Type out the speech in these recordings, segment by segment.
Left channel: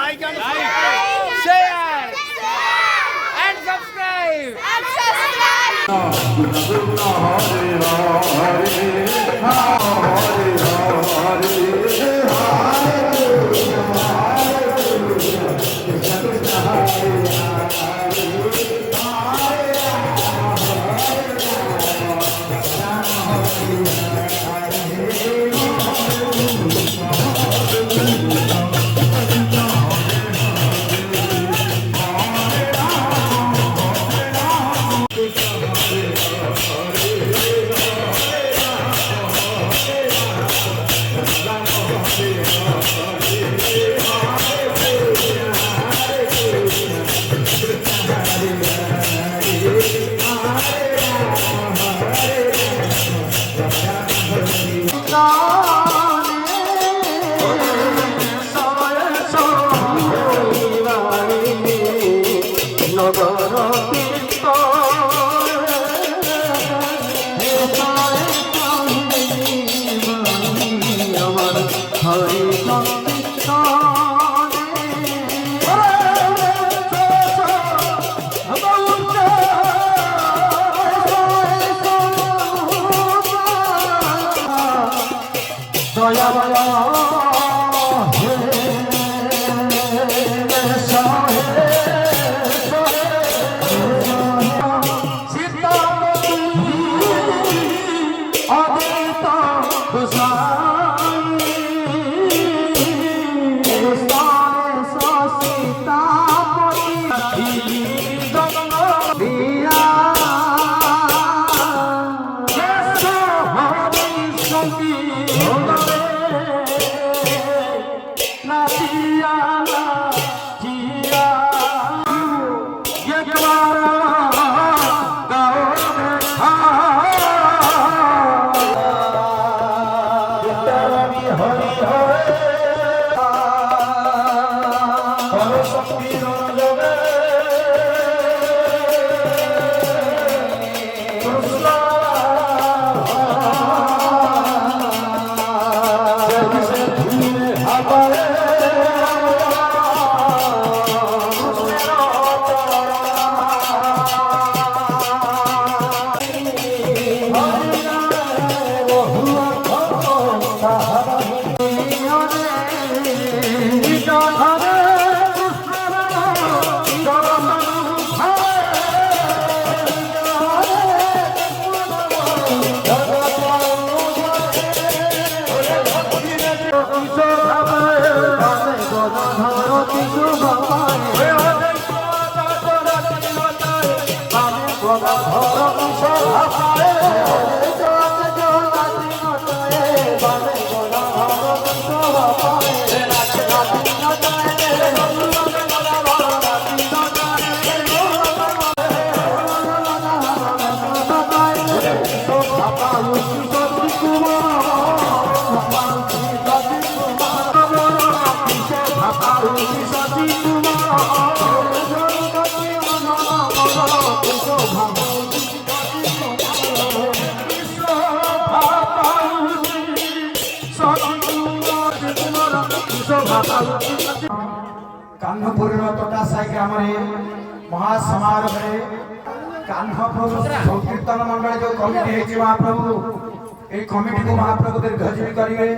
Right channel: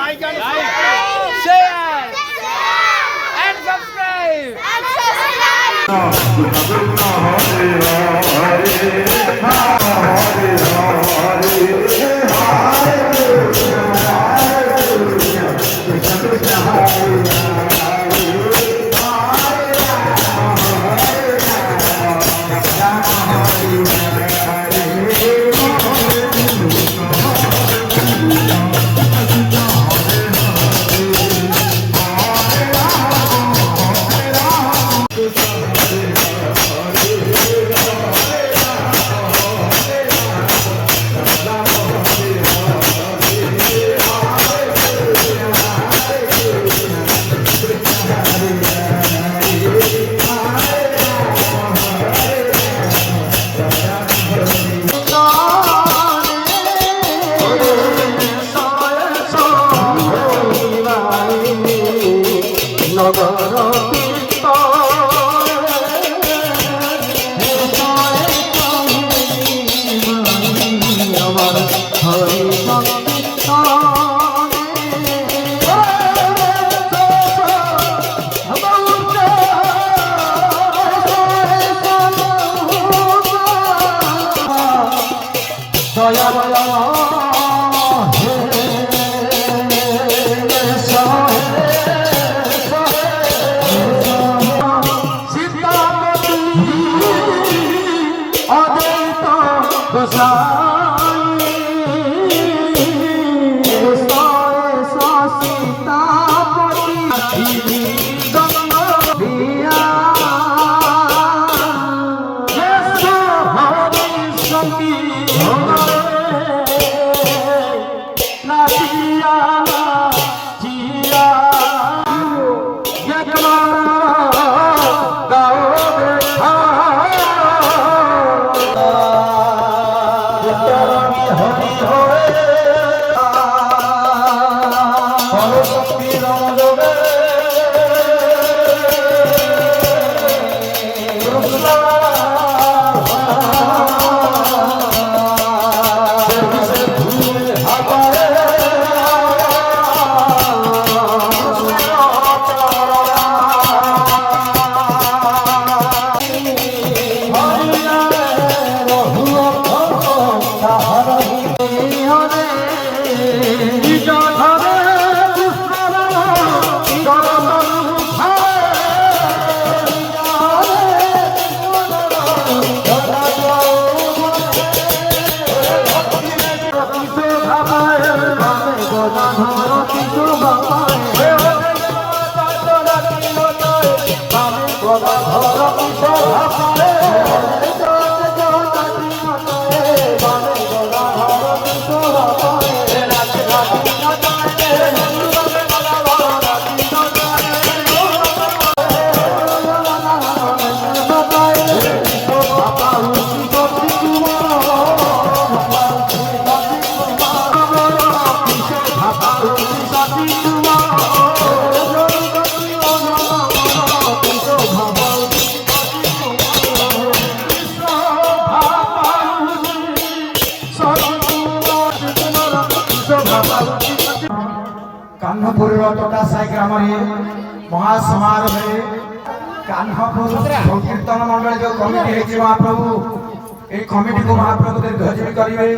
Like, share, and subscribe. Kanhpur तोटासाई ग्राम महासमारोह कान्हपुर संकीर्तन मंडल जो committee है महाप्रभु ये कमिटी को महाप्रभु दीर्घजीवी करेंगे।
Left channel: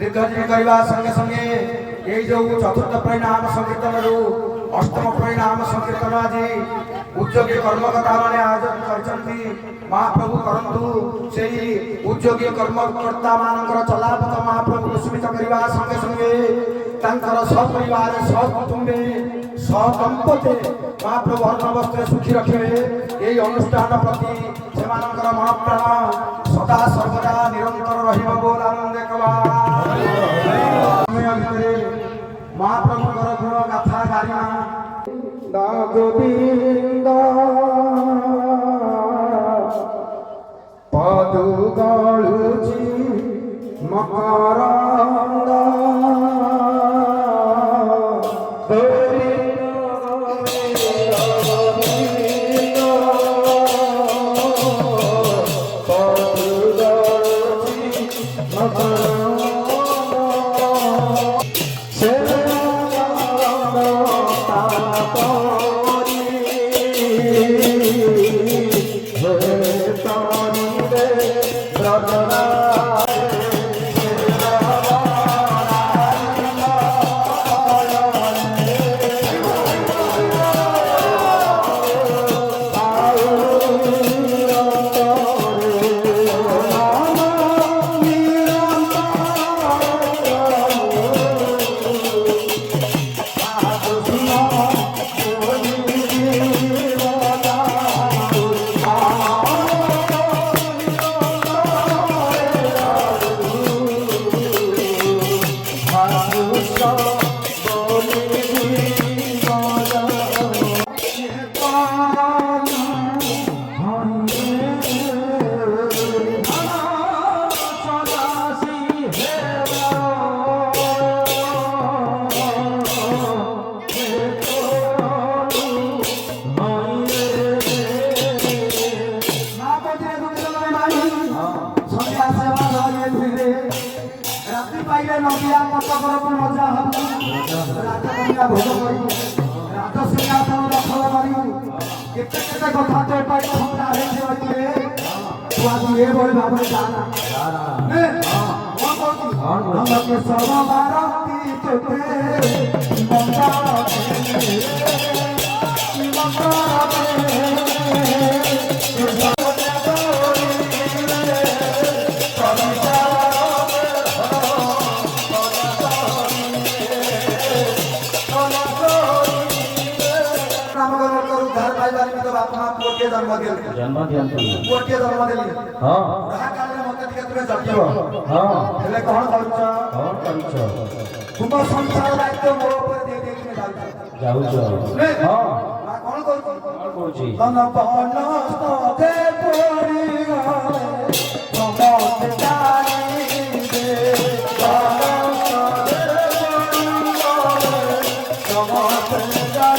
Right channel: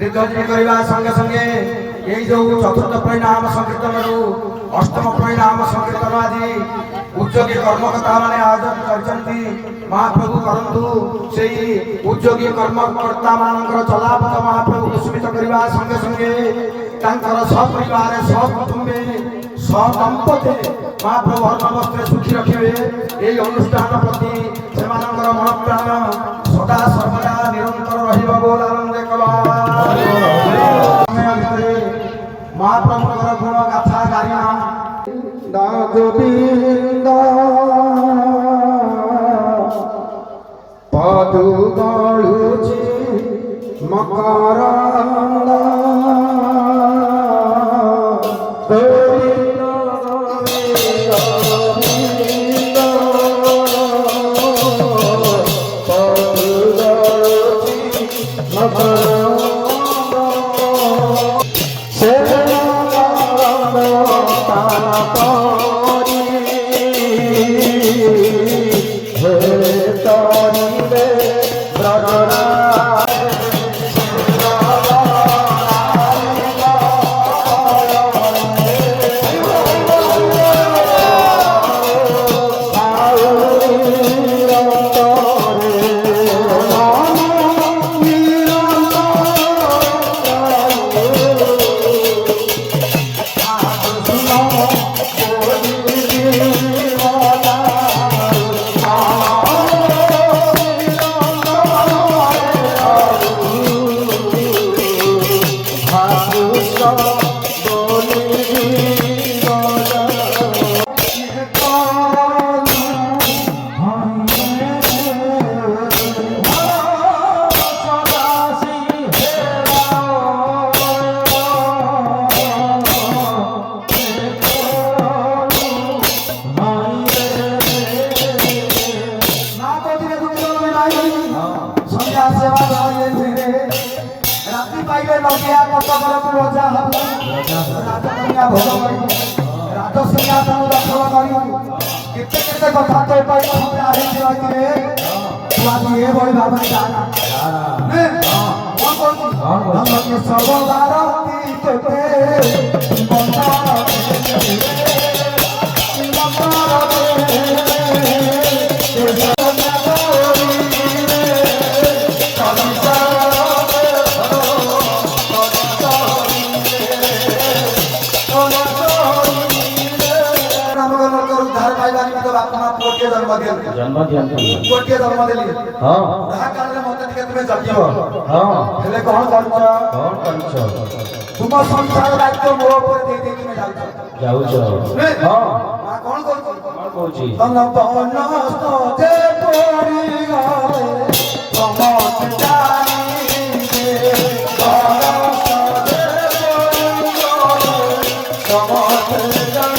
दीर्घजीवी करने संगे संगे ये जो चतुर्थ परिणाम संकीर्तन रु अष्टम परिणाम संकीर्तन आदि उद्योगी कर्मकर्ता माने आयोजन करछन्ती महाप्रभु करंतु सेही उद्योगी कर्मकर्ता मानकर चलापथ महाप्रभु कुसुमित करबा संगे संगे तांकर सपरिवार सकुटुंबे सदंपति महाप्रभु हरनवस्त्र सुखी रखिबे। एई अनुष्ठान प्रति सेमानकर मन प्राण सदा सर्वदा निरंतर रहिबो बोल आनंद कबा महाप्रभुकर गुण गाथा गारिमा गोविंद पदु गळुची मकरंद गोविंद ରାଜକନ୍ୟା ଭୋଗ କରି ରାଜସିଂହାସନ ଦଖଲ କରି କେତେ କେତେ କଥା ତୋ ପାଇଁ ଖବର ହେଇଛି ରହିଥିଲେ ତୁ ଆଜି ଏଭଳି ଭାବରେ ଜାନା କଣ କହୁଛୁ ସବୁ ଭାରତୀ ତୋତେ जन्म दियंती गोटे जन्म देली हां ताहा काले मते टिके तुमे जगिब हां हेले कोन करूछ तुम संसार दायित्व मो ऊपर दे दे तुमे जाउछ हां आ कोन करूछ तन पवन ते पड़ी गए समत जाई दे समत जाई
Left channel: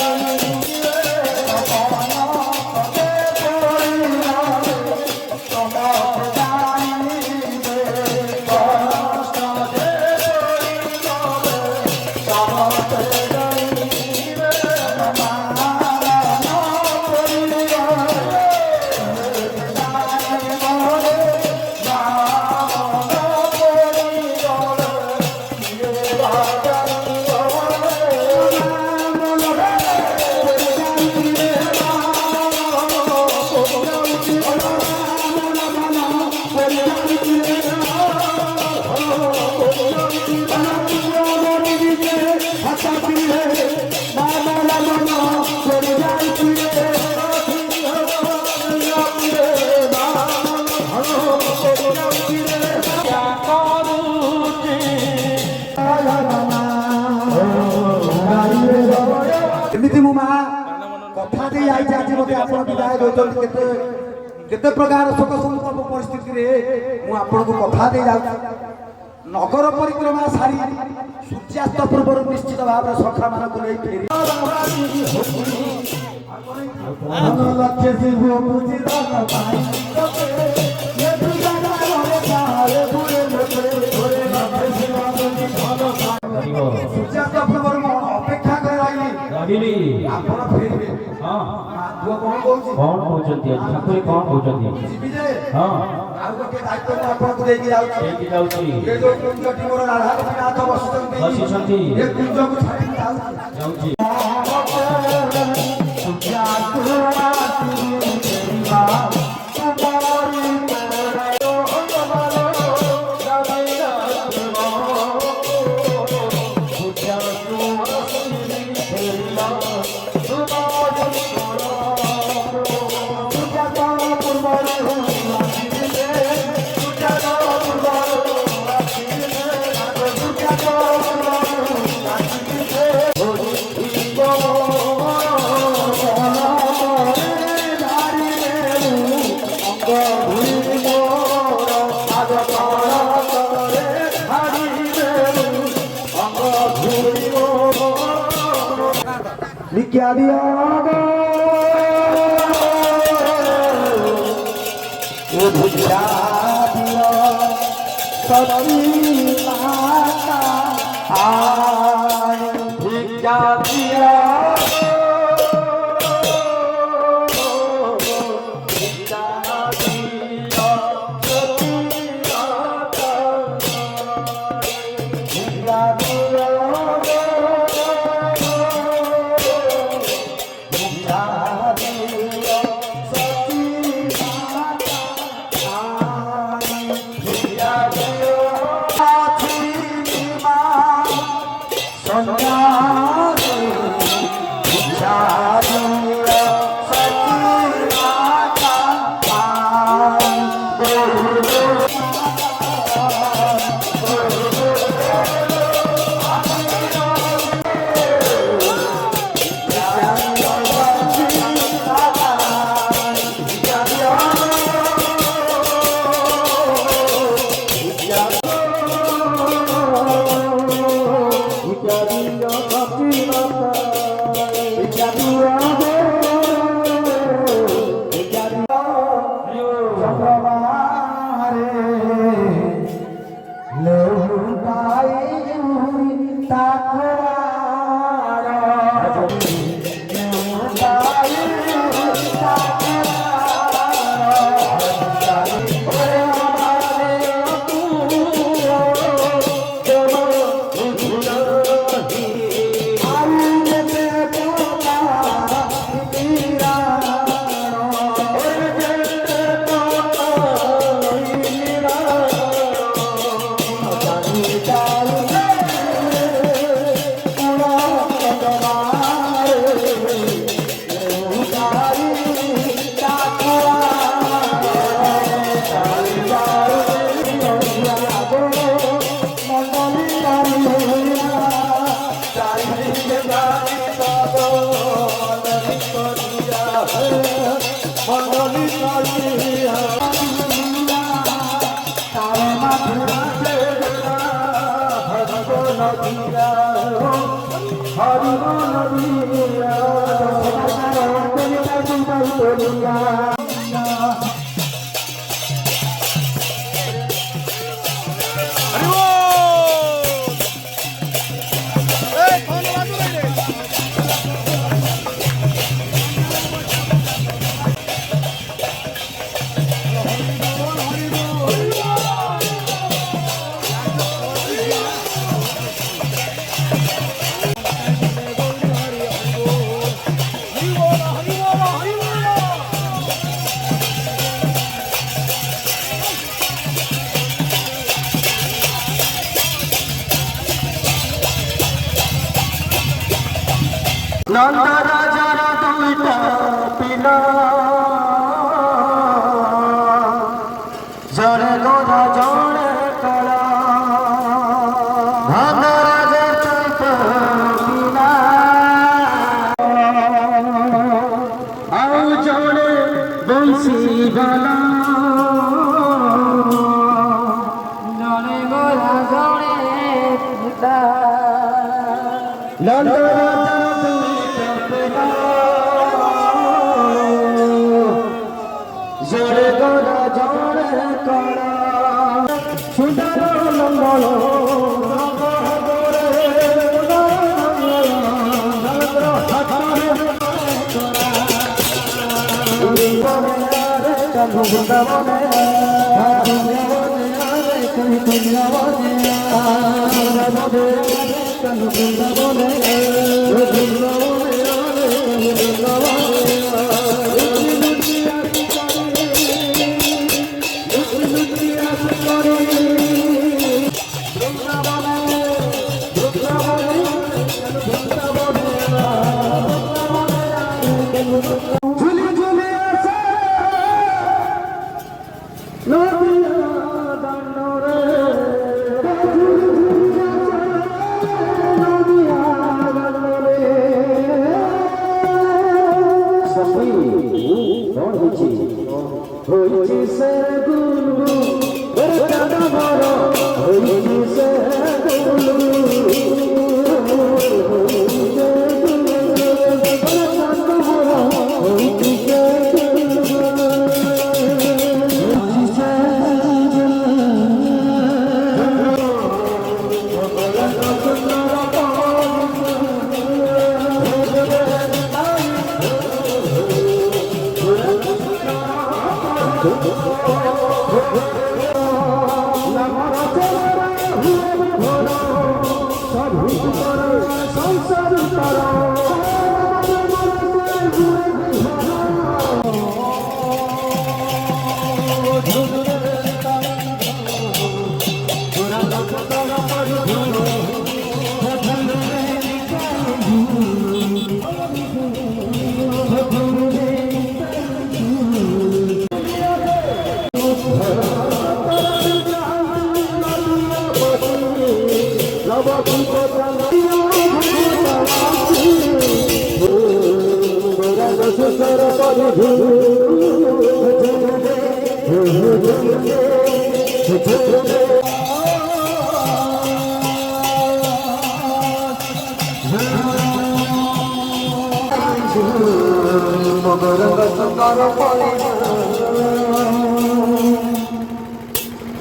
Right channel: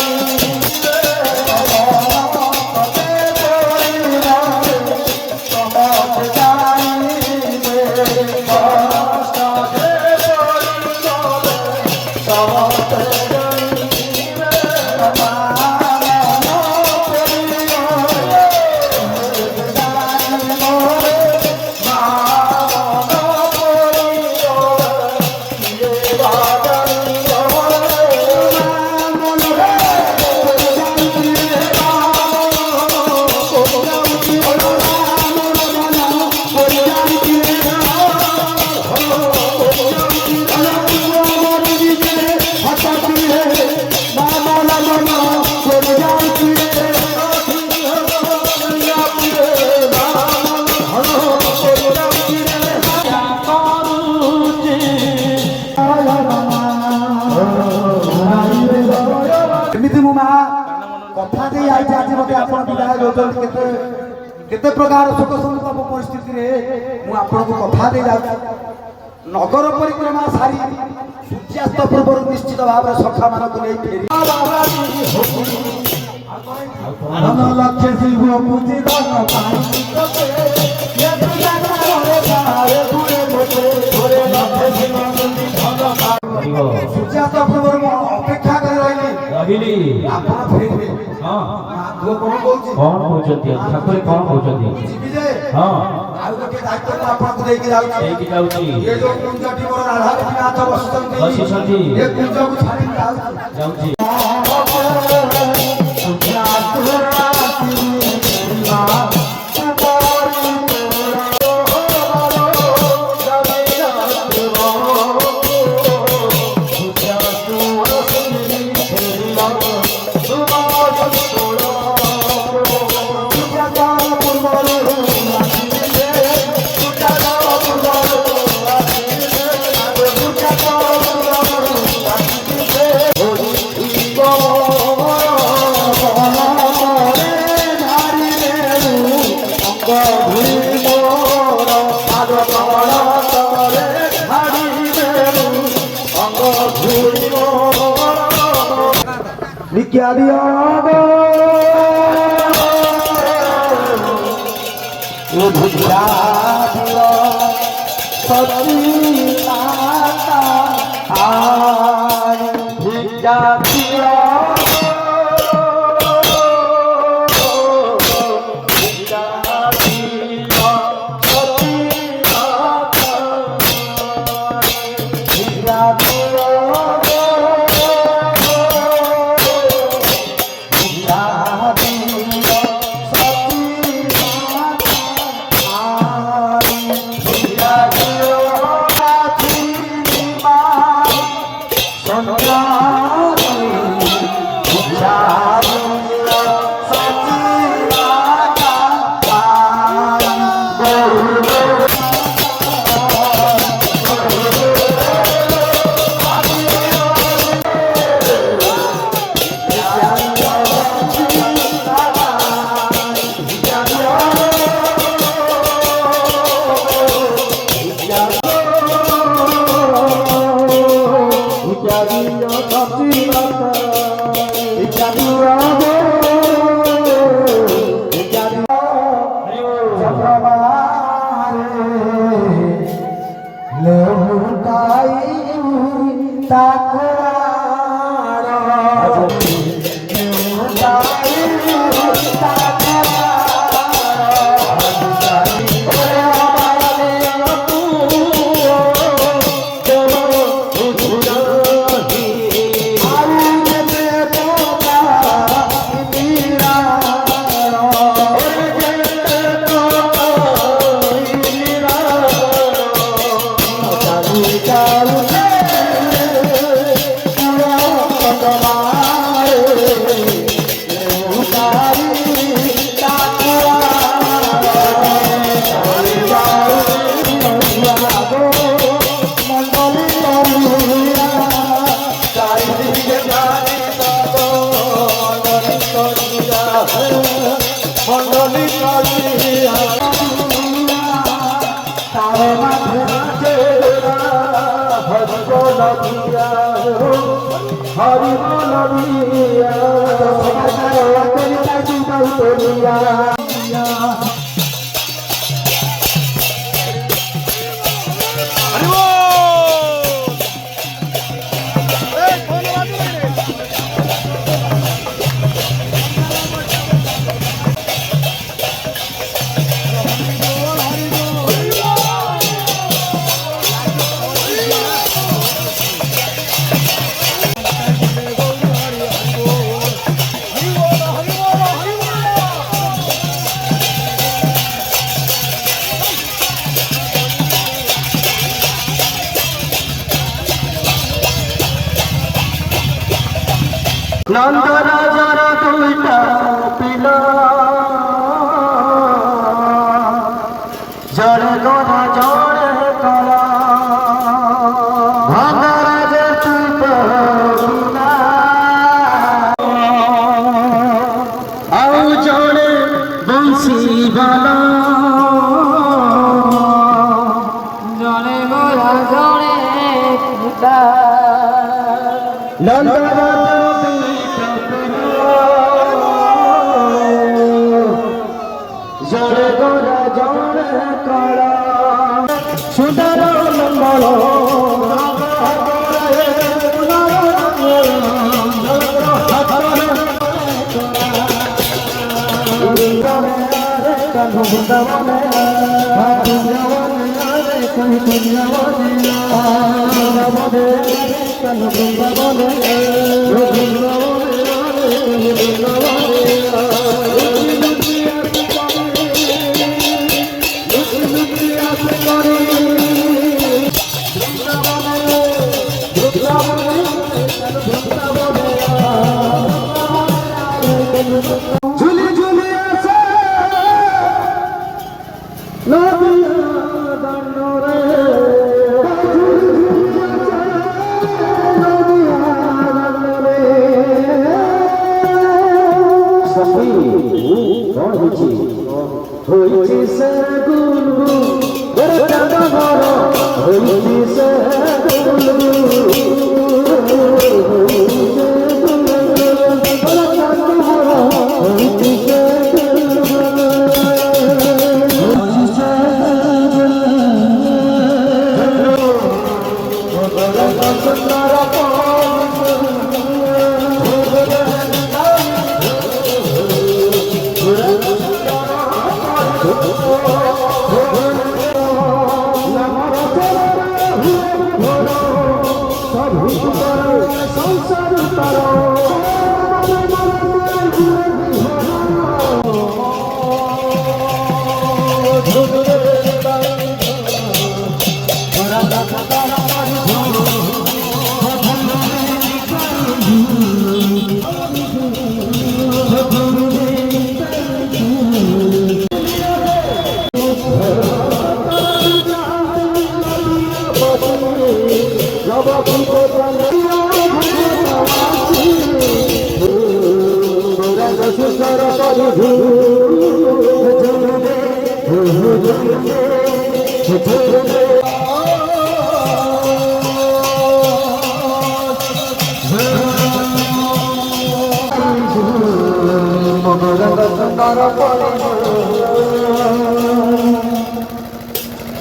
एमती मो माँ कथा दे आई आज मत आप विदाय दौरान केते प्रकार शोक संताप परिस्थिति मु आपन को कथा दे जा नगर परिक्रमा सारी सूर्यास्त पूर्व निश्चित भाव सखा मान को नहीं फेरी लक्ष्य शिव पूजी दान पाई सूर्यास्त पूर्व अपेक्षा कर रही आपण फेरी हां कौन कहूँ कौन कहते ठाकुर कौन कहते हाँ आउ गोटे दायित्व आपन को देकी जाउची ये जो कुंजटी मोर राधा नाथ बसुचंती ये कुंज को छाड़ी जाउची क्या दिया वो भुजिया दिया सच्ची माता भिक्षा दिया भिक्षा दिया सच्ची माता भिक्षा दिया হরি বল দিয়া তেরি তাকি গাই তোরিয়া হরি বল। নন্দ রাজার দুইটা পিল জড় গোরা জড় কলা নন্দ রাজা দুইটা পিলা আউ জড়ে বংশী বালা জড়ে গোরা জড়ে পিতা নন্দ জড় গোরা জড় করা সুন্দর মঙ্গল ঝুলি ঝুলি আছে নদিয়া দণ্ডরে ঝুলি ঝুলি আছে নদিয়া দণ্ডরে সখী কোন হইছি সে গুলু ওরে দাদা ঘর হইছি সে গুলু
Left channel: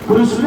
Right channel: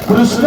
কৃষ্ণ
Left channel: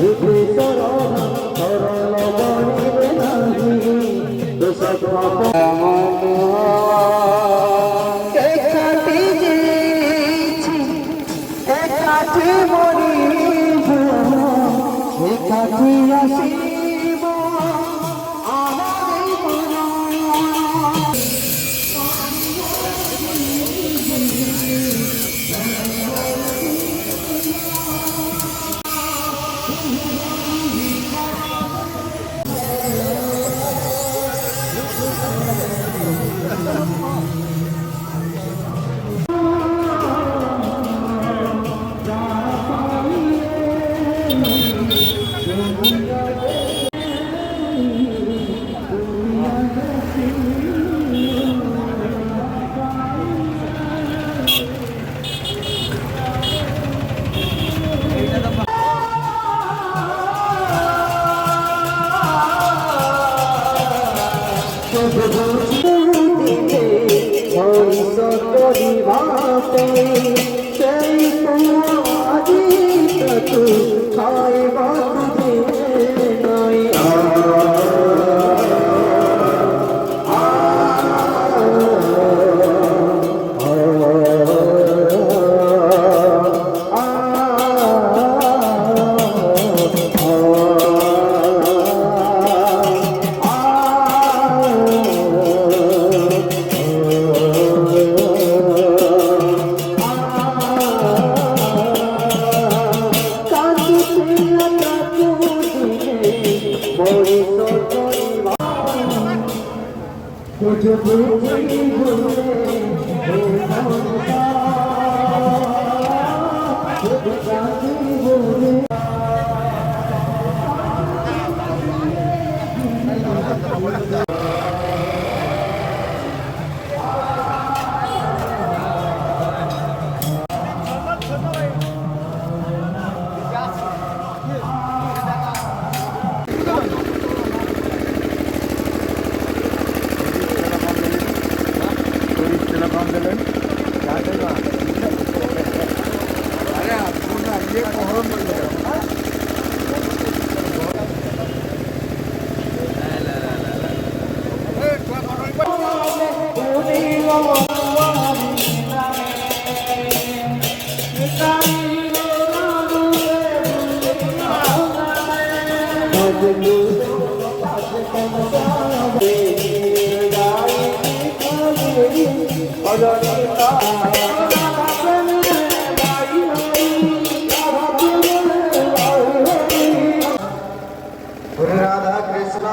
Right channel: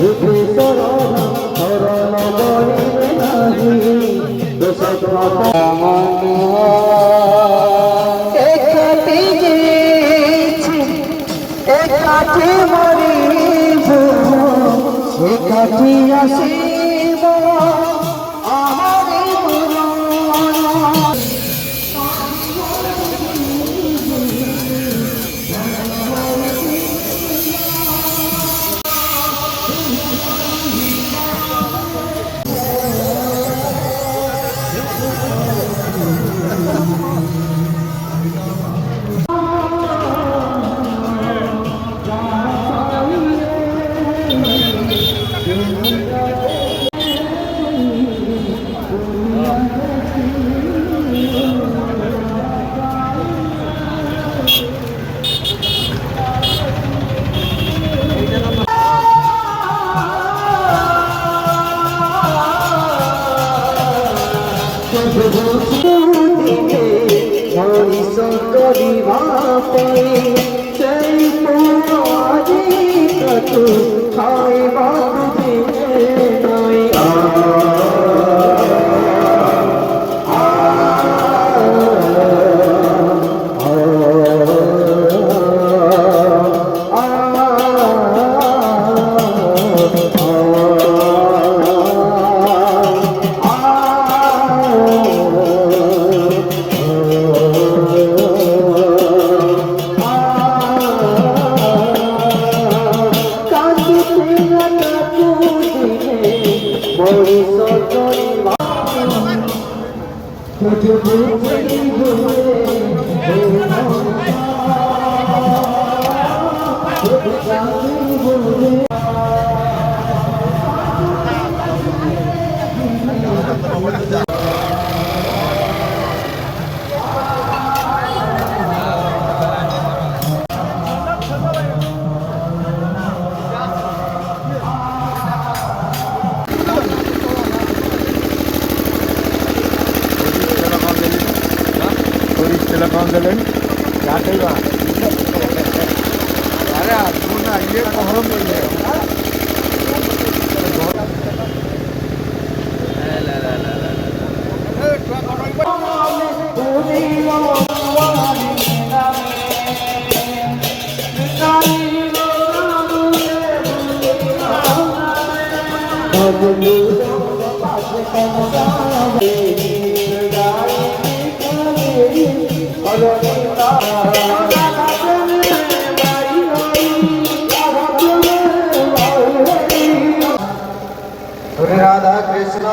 রূপে শরণ শরণ বলিবে নাহি দোষ পাপ একাটি যেছি একাটি মরিব একাটি আসিব আমারি মরণ মনিষ করিবাতে সেই পুরাজি তু খাইবা তুঝে নাই রাধা কৃষ্ণ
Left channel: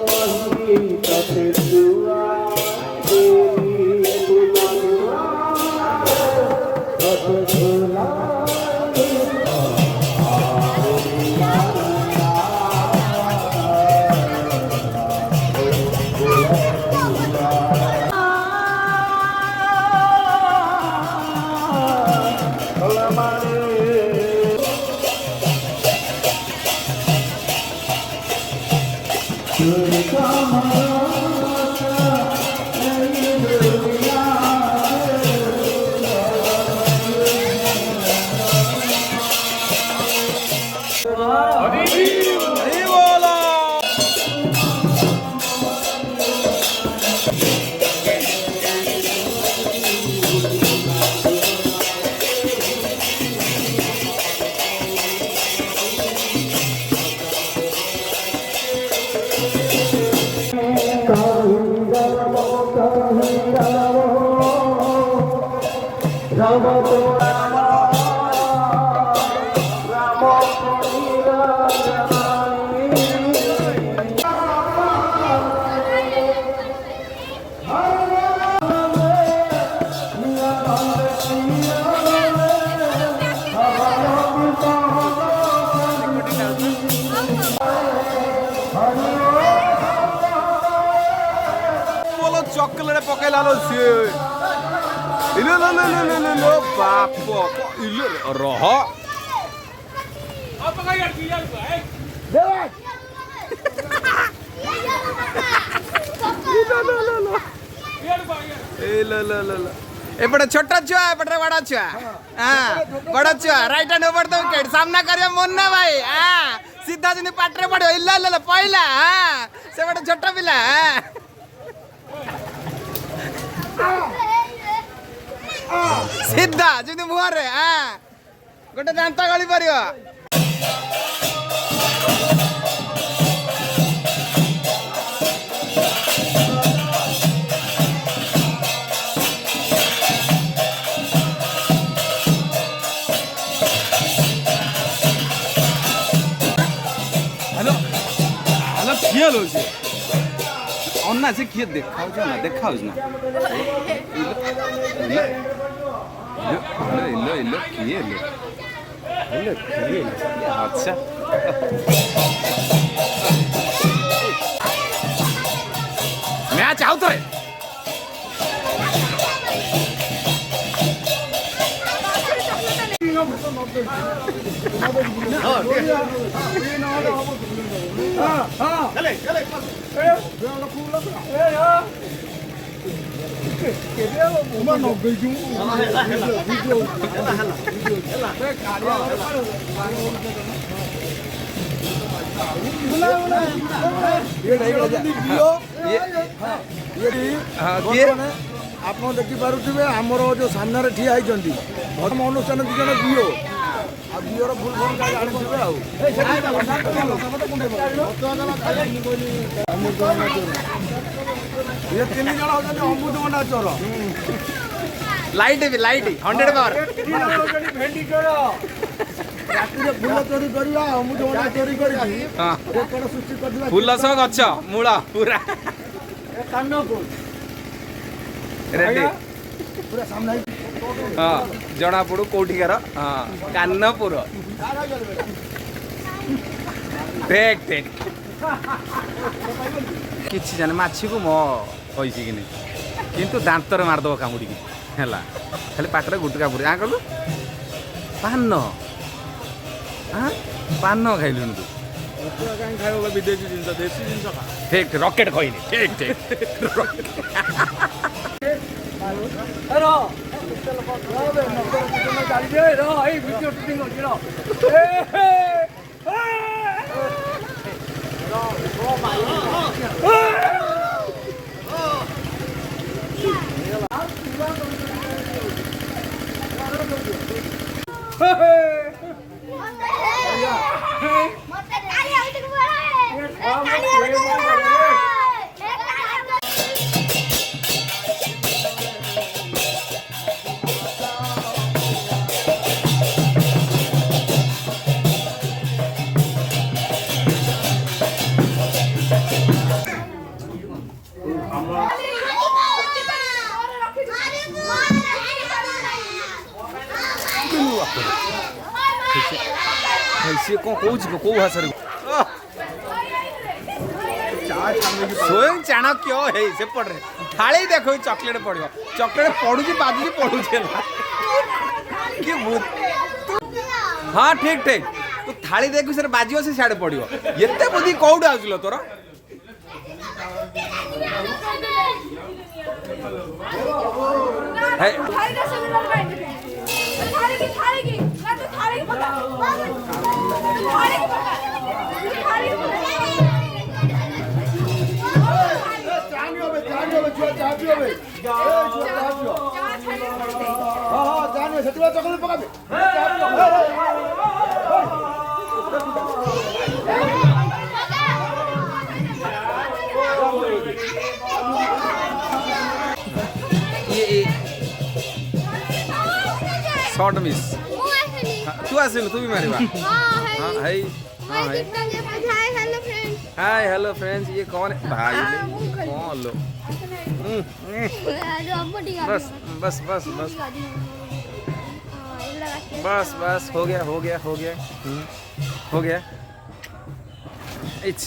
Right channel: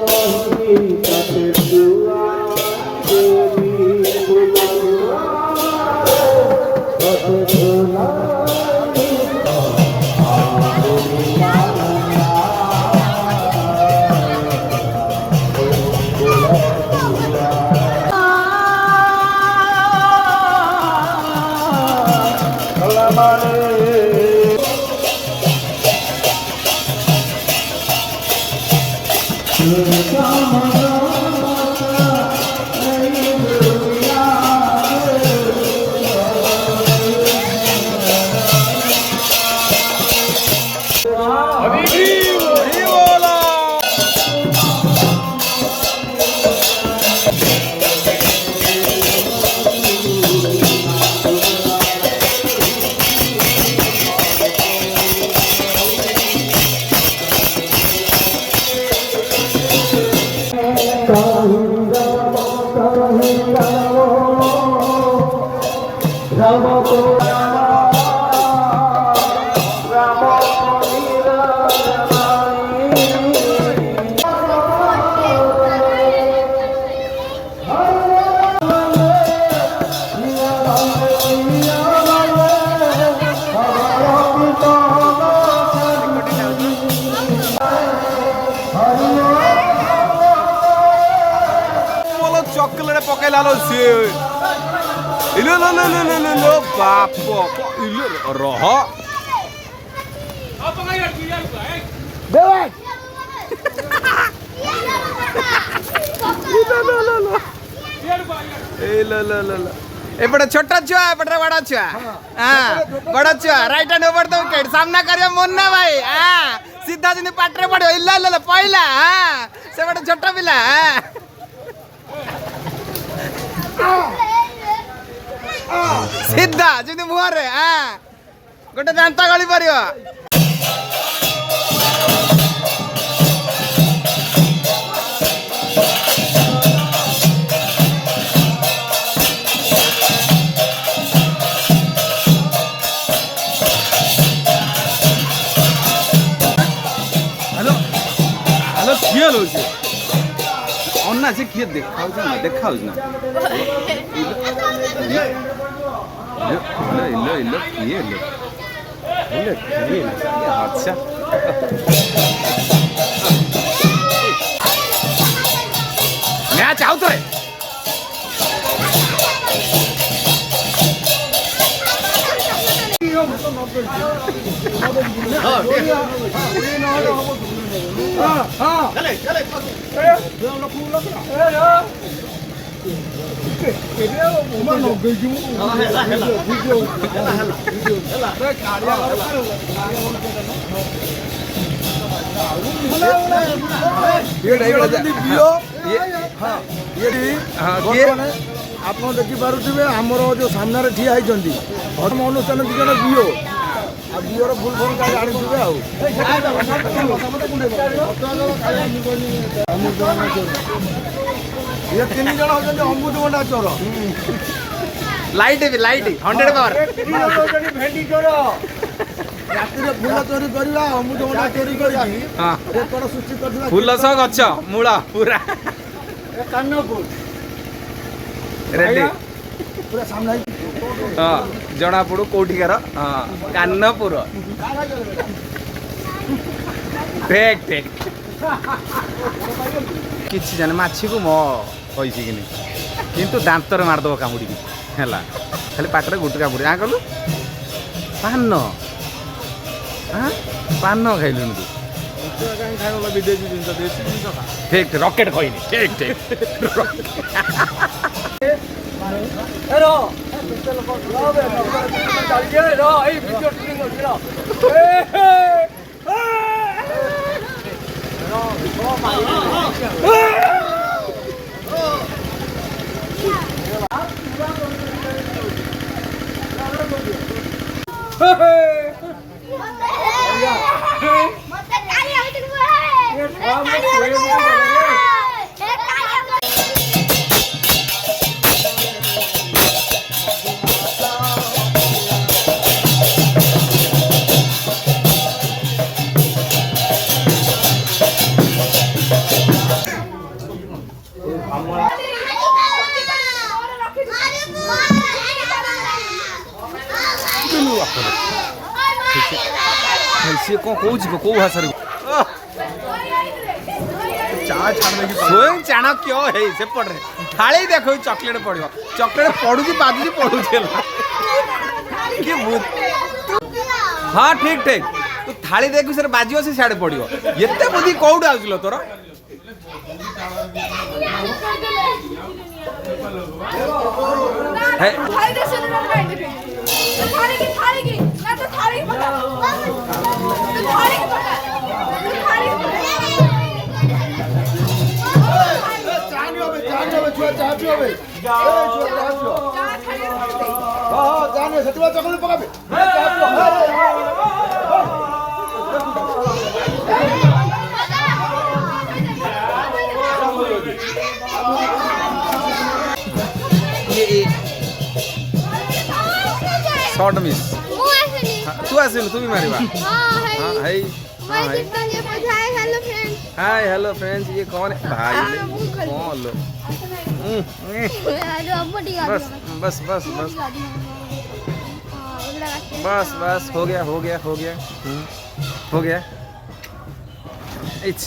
কহি কাছে দুয়া দেবী ফুলা কত ঝোলা हरी बोला बोलो चॉकलेट पकेला लो से इलो लो लो लो लो लो लो बाप इलो रह एपटे छोटा छुआ एपटे बड़ा छुआ हाँ बड़ा छुआ right hand over the wicket सामना करियो मुन्ना भाई हाँ सीधा जिनी पाटरे पड़ियो इल्ला इल्ला पहिला हाँ से बड़ा छोटा पिला सीधा जिनी मुहरे हाँ गोटे दांता गली परियो हेलो हेलो किए लो से अन्ना से किए देखाउ ना इलो किए अच्छा मैच आउट है आप देखिपे आमर जो सामने ठिया होती धर्म अनुष्ठान दी जन बीओ आ बीओर फुल फर्म जाने अमृतभंडा चोर ये तीन जन होती अमृतभंडा चोर लाइट 100 पावर भेटी चोर राति फूल चोरी करवा अमृतभंडा चोरी कर सृष्टि कर फूल सह गछ मूल पूरा कानपुर रेडी पूरा सामने हाँ जना पड़ू कौटिकार हाँ कानपुर ठीक ठीक किसी जाने माछी को मो होइसी कि नहीं किंतु दांतर मारदब कामुड़ी है खाली पाटरे गुटका पुरी कलु पान हाँ पान खाइलुन तू विदेशी जिन देशी जिन ठीक रॉकेट कहनी ठीक ठीक ପିଲୁ ବାପରେ ସିଏ କ'ଣ କହୁଛି କେଉଁ ଭାଷାରେ ସ୍ୱୟଂ ଚାଣକ୍ୟ ହେଇ ସେପଟରେ ଥାଳି ଦେଖ ଚକୋଲେଟ୍ ପଡ଼ିବ ଚକୋଲେଟ୍ ପଡ଼ୁଛି ବାଜୁଛି ପଡ଼ୁଛି ହେଲା କିଏ ହଁ ଠିକ୍ ଠିକ୍ ତୁ ଥାଳି ଦେଖୁ ସେରେ ବାଜିବ ସେ ସିଆଡ଼େ ପଡ଼ିବ ଏତେ ବୁଦ୍ଧି କୋଉଠୁ ଆସୁଲ ତୋର शॉर्ट मिस तू आसिलु तू भी मारिबा हां हाय हां हाय हाय हेलो फ्रेंड्स ये कौन है भाई कौन लो बस बस बस बस बस बस हो गया हो गया हो गया हो गया इच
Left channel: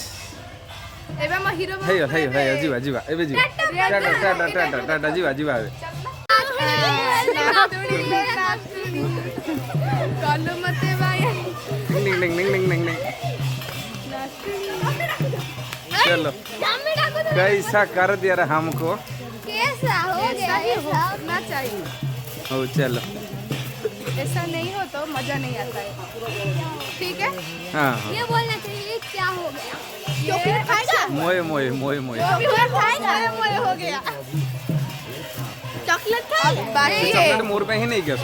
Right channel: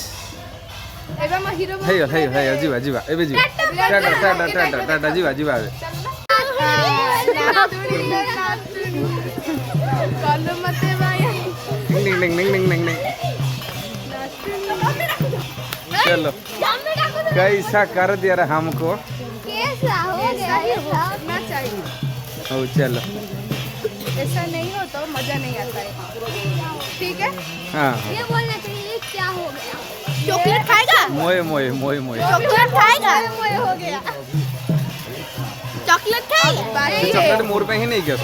हे जीवा जीवा एबे जीवा टाटा टाटा टाटा टाटा जीवा जीवा एबे डिंग डिंग डिंग डिंग डिंग डिंग चलो कैसा कर दिया रे हमको कैसा हो गया होना चाहिए हो चलो ऐसा नहीं हो तो मजा नहीं आता है ठीक है हाँ ये बोलना चाहिए ये क्या हो गया चॉकलेट खाएगा मोए मोए मोए मोए चॉकलेट खाएगा मोए हो गया चॉकलेट खाएगा चॉकलेट मोर पे ही नहीं गया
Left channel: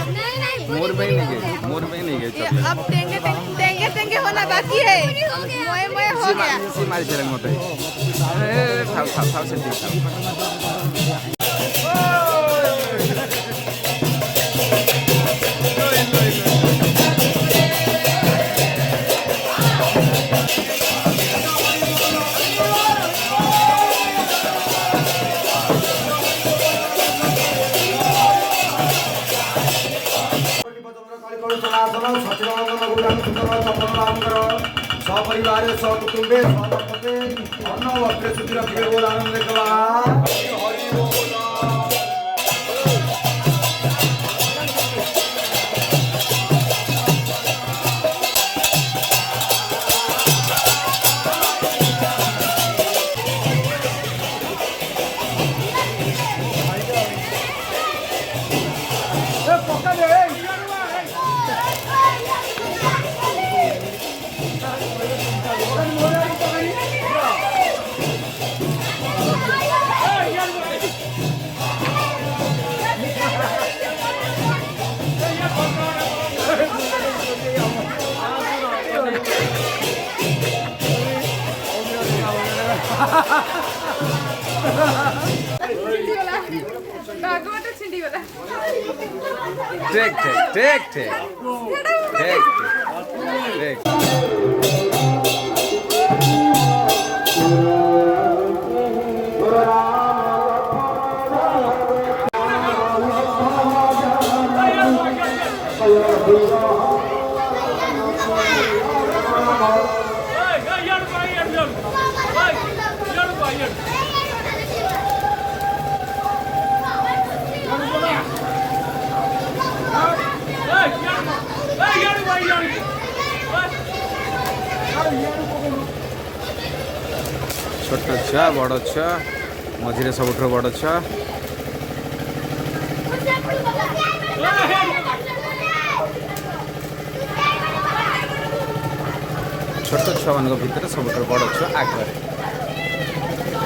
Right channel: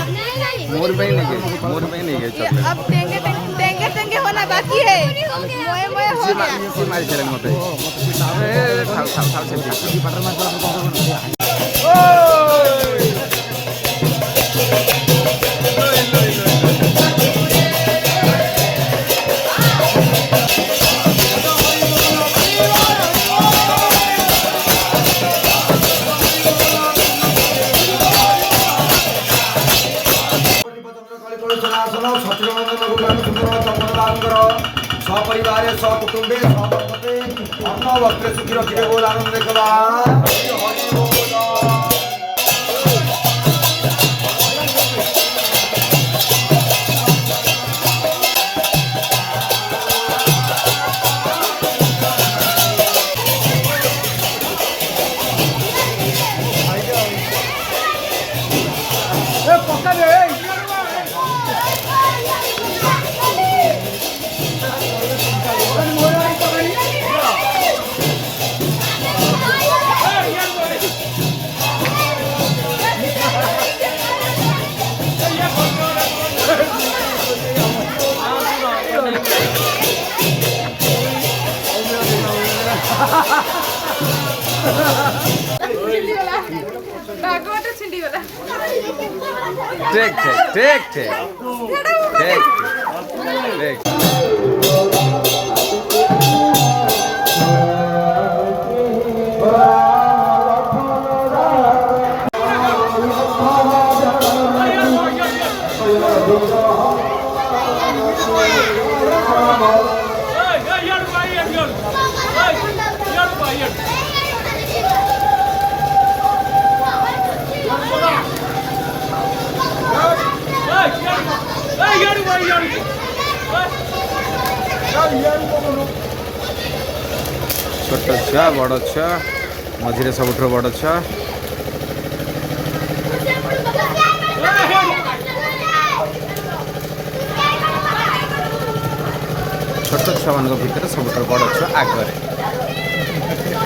मोर पे ही नहीं गया मोर पे ही नहीं गया चॉकलेट अब देंगे देंगे देंगे होना बाकी है मोए मोए हो गया सी मारी चलन होता है थाल थाल थाल से देख सपरिवार सकुटुंबे सपते अन्न वस्त्र सुखी रखिए बोल आनंद हरि बोल ठीक ठीक ठीक ठीक ठीक ठीक छोट छुआ बड़ छुआ मझे सबुठ बड़ छुआ छोट छुआ मान भर सब बड़ छुआ आगे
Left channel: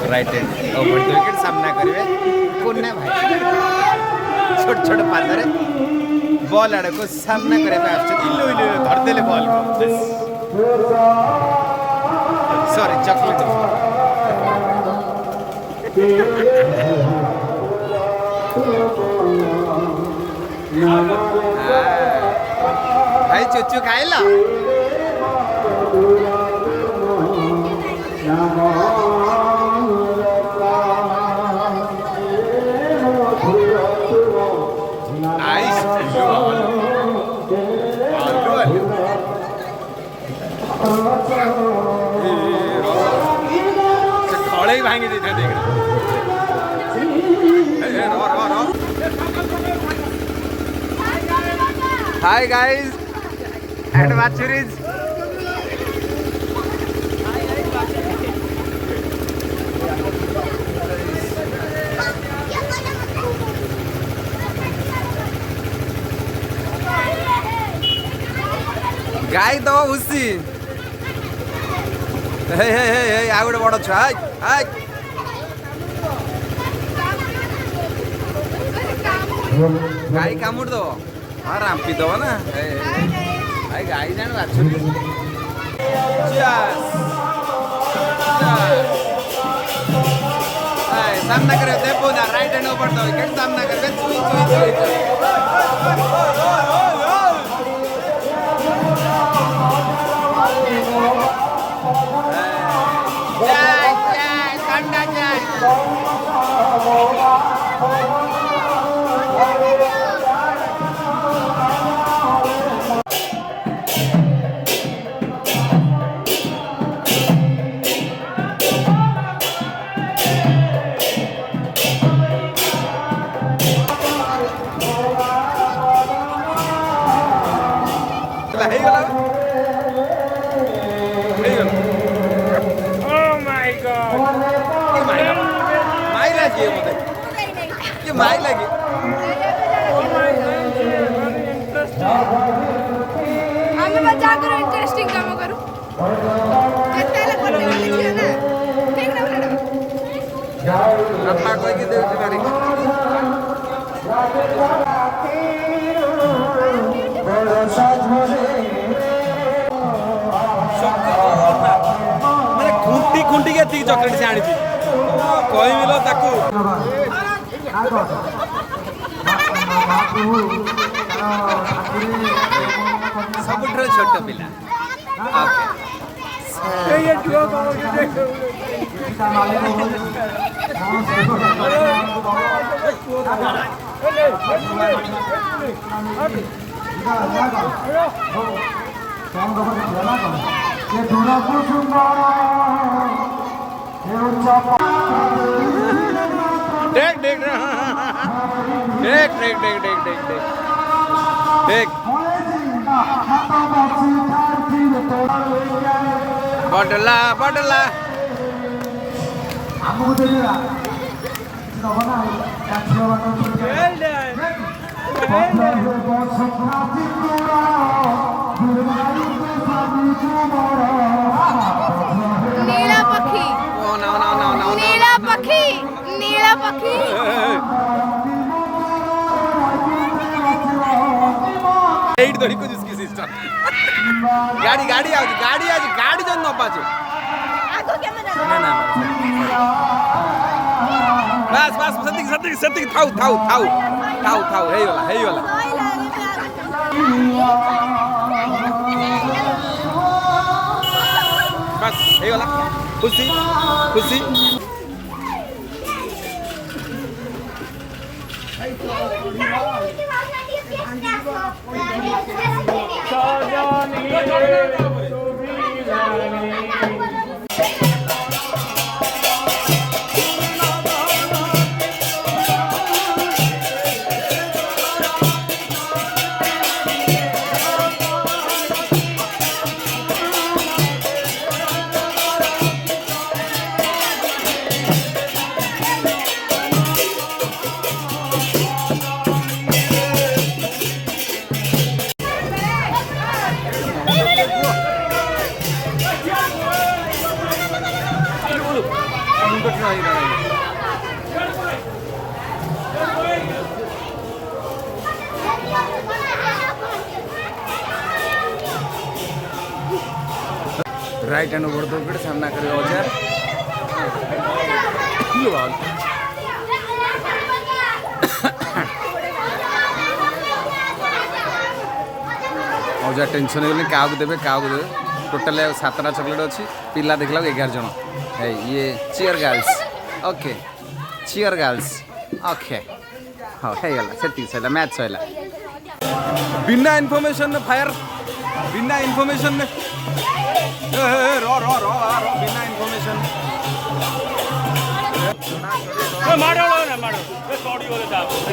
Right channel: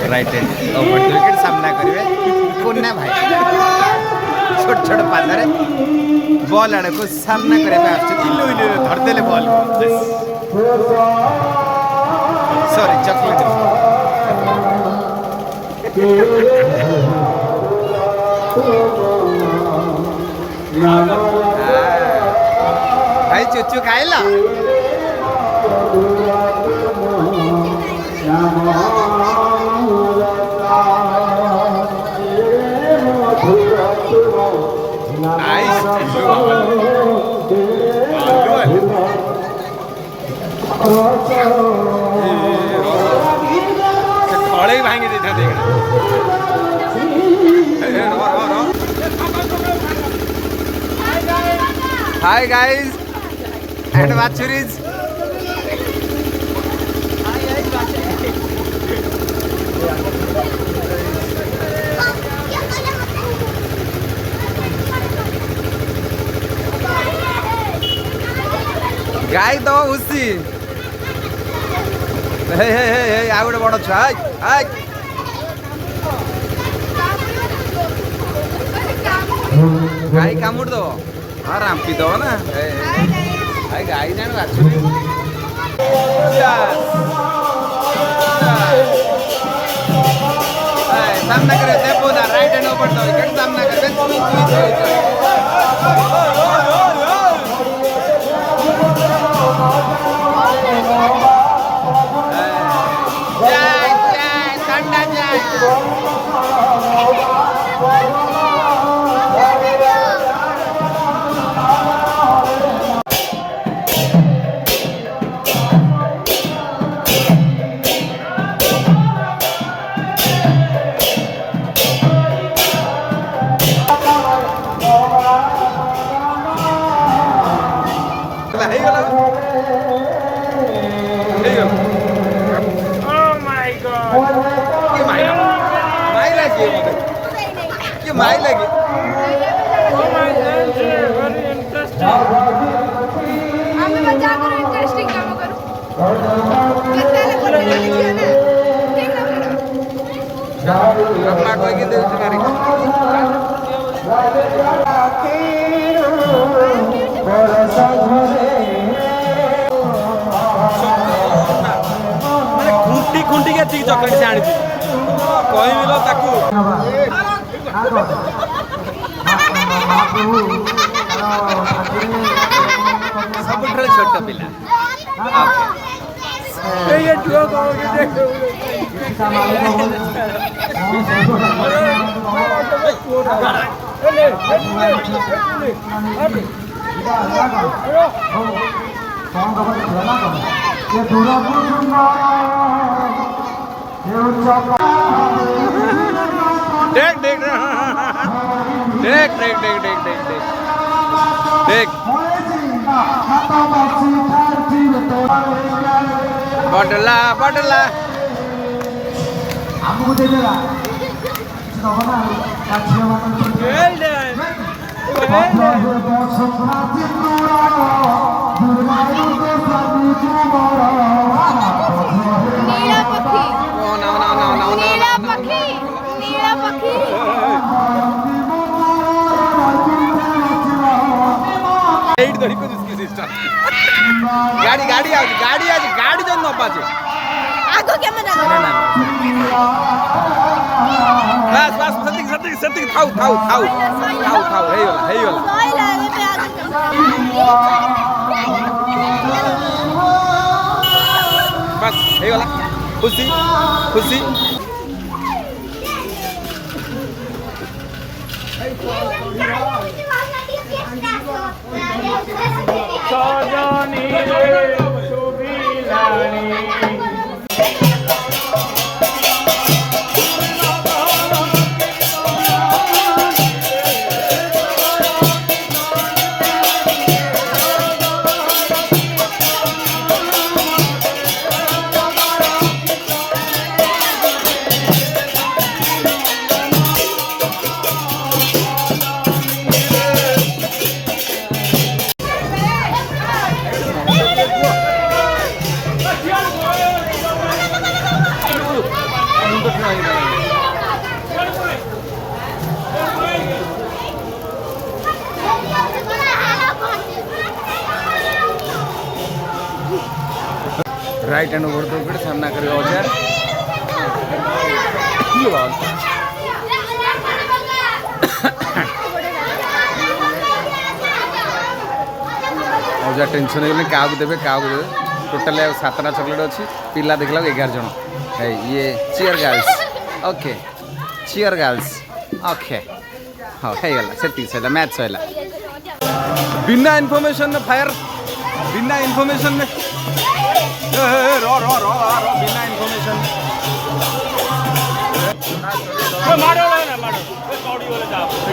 right hand over the wicket सामना करेंगे कोना भाई छोट छोट पादरे बॉल आड़ को सामना करने इलु इलु धरदेले बॉल को सॉरी चॉकलेट भाई चुचू खाइला Thank you. ଭାଙ୍ଗି ଦେଇଥାନ୍ତି ଏଇଟା ହାଇ ଗାଇସ୍ and ବାଛୁରୀଜ ଗାଈ ତ ଭୁସି ଆଉ ଗୋଟେ ବଡ଼ ଛୁଆ ଗାଈ କାମୁଡ଼ି ଦବ ହଁ ରାମ୍ପି ଦବ ନା ଭାଇ ଗାଈ ଜାଣ ବାଛୁରୀ सामना करे देबो ना राइट हैंड ऊपर तो विकेट सामना कर चुई चुई चुई चुई जाय जाय ठंडा जाय ये माई लगी इंटरेस्टिंग काम करो कोई की देव करी मैंने खुंटी खुंटी के चॉकलेट से आनी कही मिलो ताकू सबुठार छोट पिला देख देख देख देख देख देख देख देख देख बटला बटला ଆମକୁ ଦେଲା ନବ ନା କାଠିର ବାଟ ସଂକ୍ରାନ୍ତି नीला पक्षी ओ नो नो नो नो नीला पक्षी नीला पक्षी एट धरी को जिसकी सिस्टम गाड़ी गाड़ी आज गाड़ी जो न पाजे आगो के मना ना ना बस बस सतिक थाउ थाउ थाउ थाउ थाउ हे वाला बस हे वाला खुशी खुशी सजनी सुबिलानी राइट हैंड ओवर दो फिर सामना करे औजार औजार टेंशन हो क्या देवे टोटाल 7टा चॉकलेट अच्छी पिला देखला 11 जन है ये cheer girls okay cheer girls okay हाँ है से सैला मैच सैला बिना इनफॉरमेशन में फायर बिना इनफॉरमेशन में रो बिना इनफॉरमेशन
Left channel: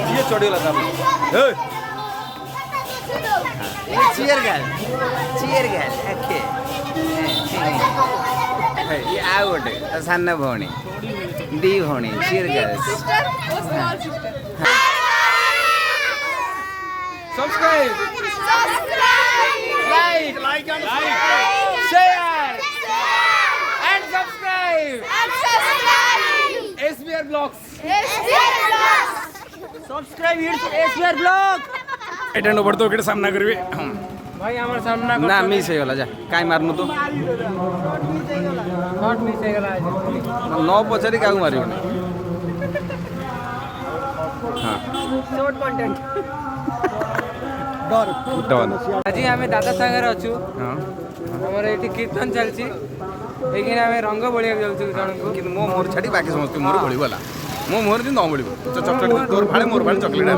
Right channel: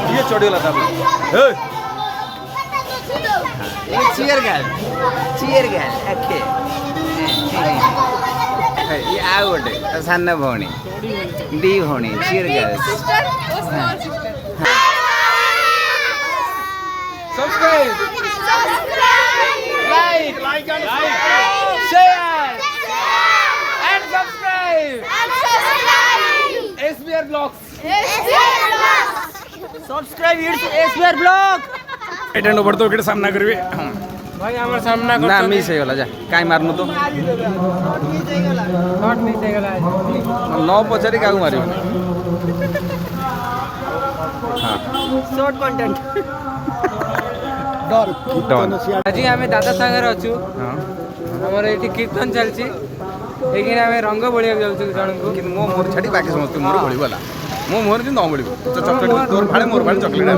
କିଏ ଚଢ଼ିଗଲା ତାପରେ ଚିୟର ଗାର୍ଲ ଆଖେ ଇଏ ଆଉ ଗୋଟେ ସାନ ଭଉଣୀ ଦି ଭଉଣୀ ଚିୟର ଗାର୍ଲ सिस्टर और small sister subscribe like share and subscribe SBR blogs subscribe SBR blog Etah no बड़तो के सामना करबे भाई हमर सामना ना मिस हो गला जा काई मारनु तो नॉट मिस हो गला न पछारी काऊ मारियो हां शॉर्ट कंटेंट डन আজি আমি দাদা সাଙ୍ଗরে অছু हां আমার এটি কীর্তন চলছি এইখানে আমি রঙ্গ বলিବାକୁ যাଉଛୁ ଜଣଙ୍କୁ କିନ୍ତୁ ମୋ ମୋହର ଛାଡ଼ି ବାକି ସମସ୍ତେ ମୋହର ବଳିବ ହେଲା ମୋ ମୋହର କିନ୍ତୁ ନ ବଳିବ ଚକଲେଟ୍ ତୋର ଫାଳେ ମୋର ଫାଳେ ଚକଲେଟ୍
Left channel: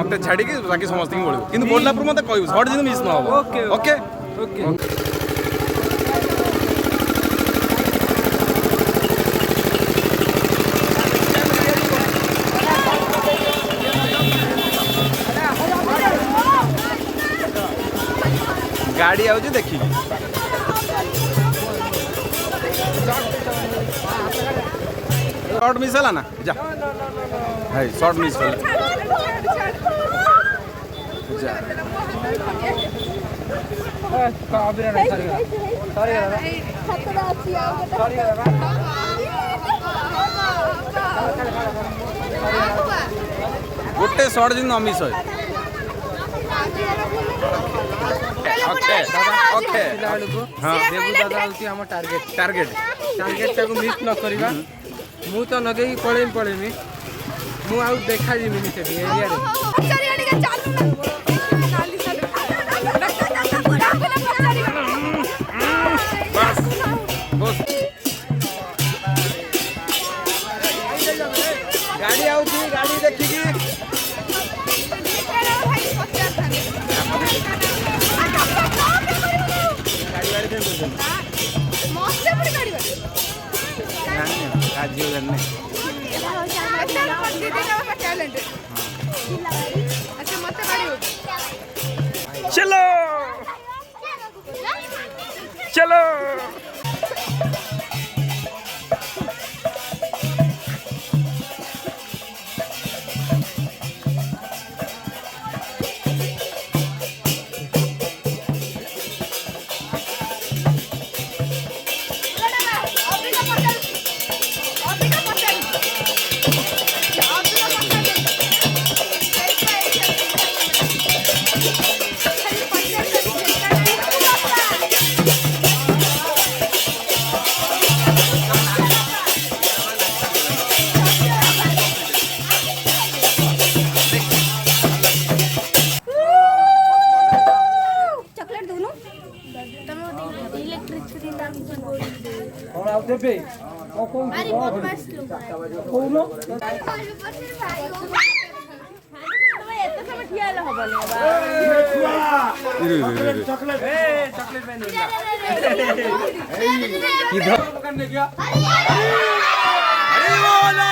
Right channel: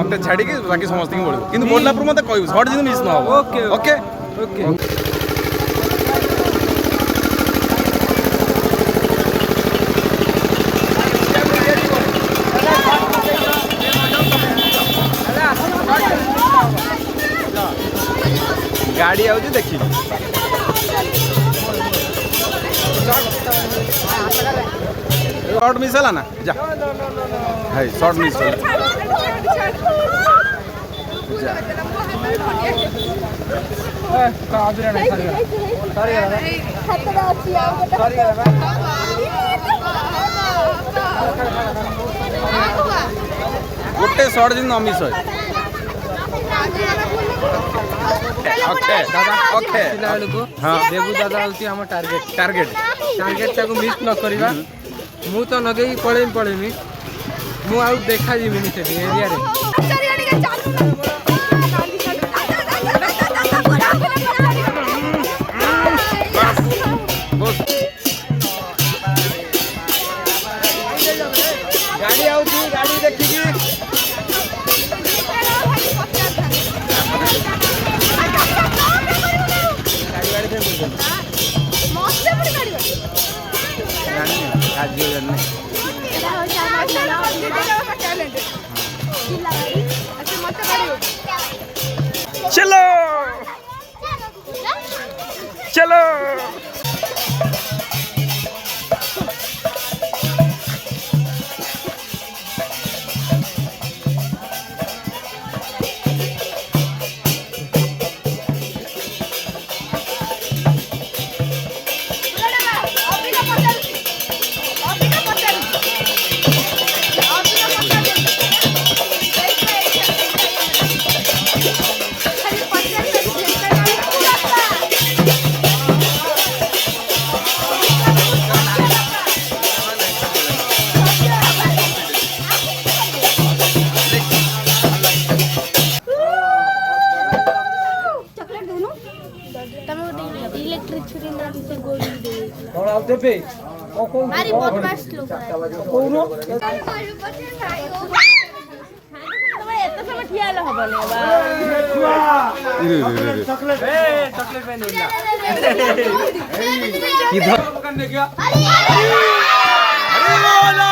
ମୋତେ ଛାଡ଼ିକି ବାକି ସମସ୍ତଙ୍କୁ ବଳିବ କିନ୍ତୁ ବଳିଲା ପରେ ମୋତେ କହିବୁ ସର୍ଟ ଯେମିତି ମିସ୍ ନ ହବ ଓକେ ଓକେ ଓକେ ଗାଡ଼ି ଆଉଛି ଦେଖିବି शॉर्ट मिस है ना जा है शॉर्ट मिस है जा गोटे शॉर्ट दिन मिस है ओके ओके हाँ देबू दादा होती हम टार्गेट टार्गेट टार्गेट टाको मिस न करिवा मु तो न देई पळेमी मु आउ देखा जीवनी से एरिया रे बस बस गाड़ी आउची गाड़ी देखिकी आज चलो चलो और आउ देबे मारी बदमाश लोग कोउनो चॉकलेट पे नहीं किधर करने गया अरे बोला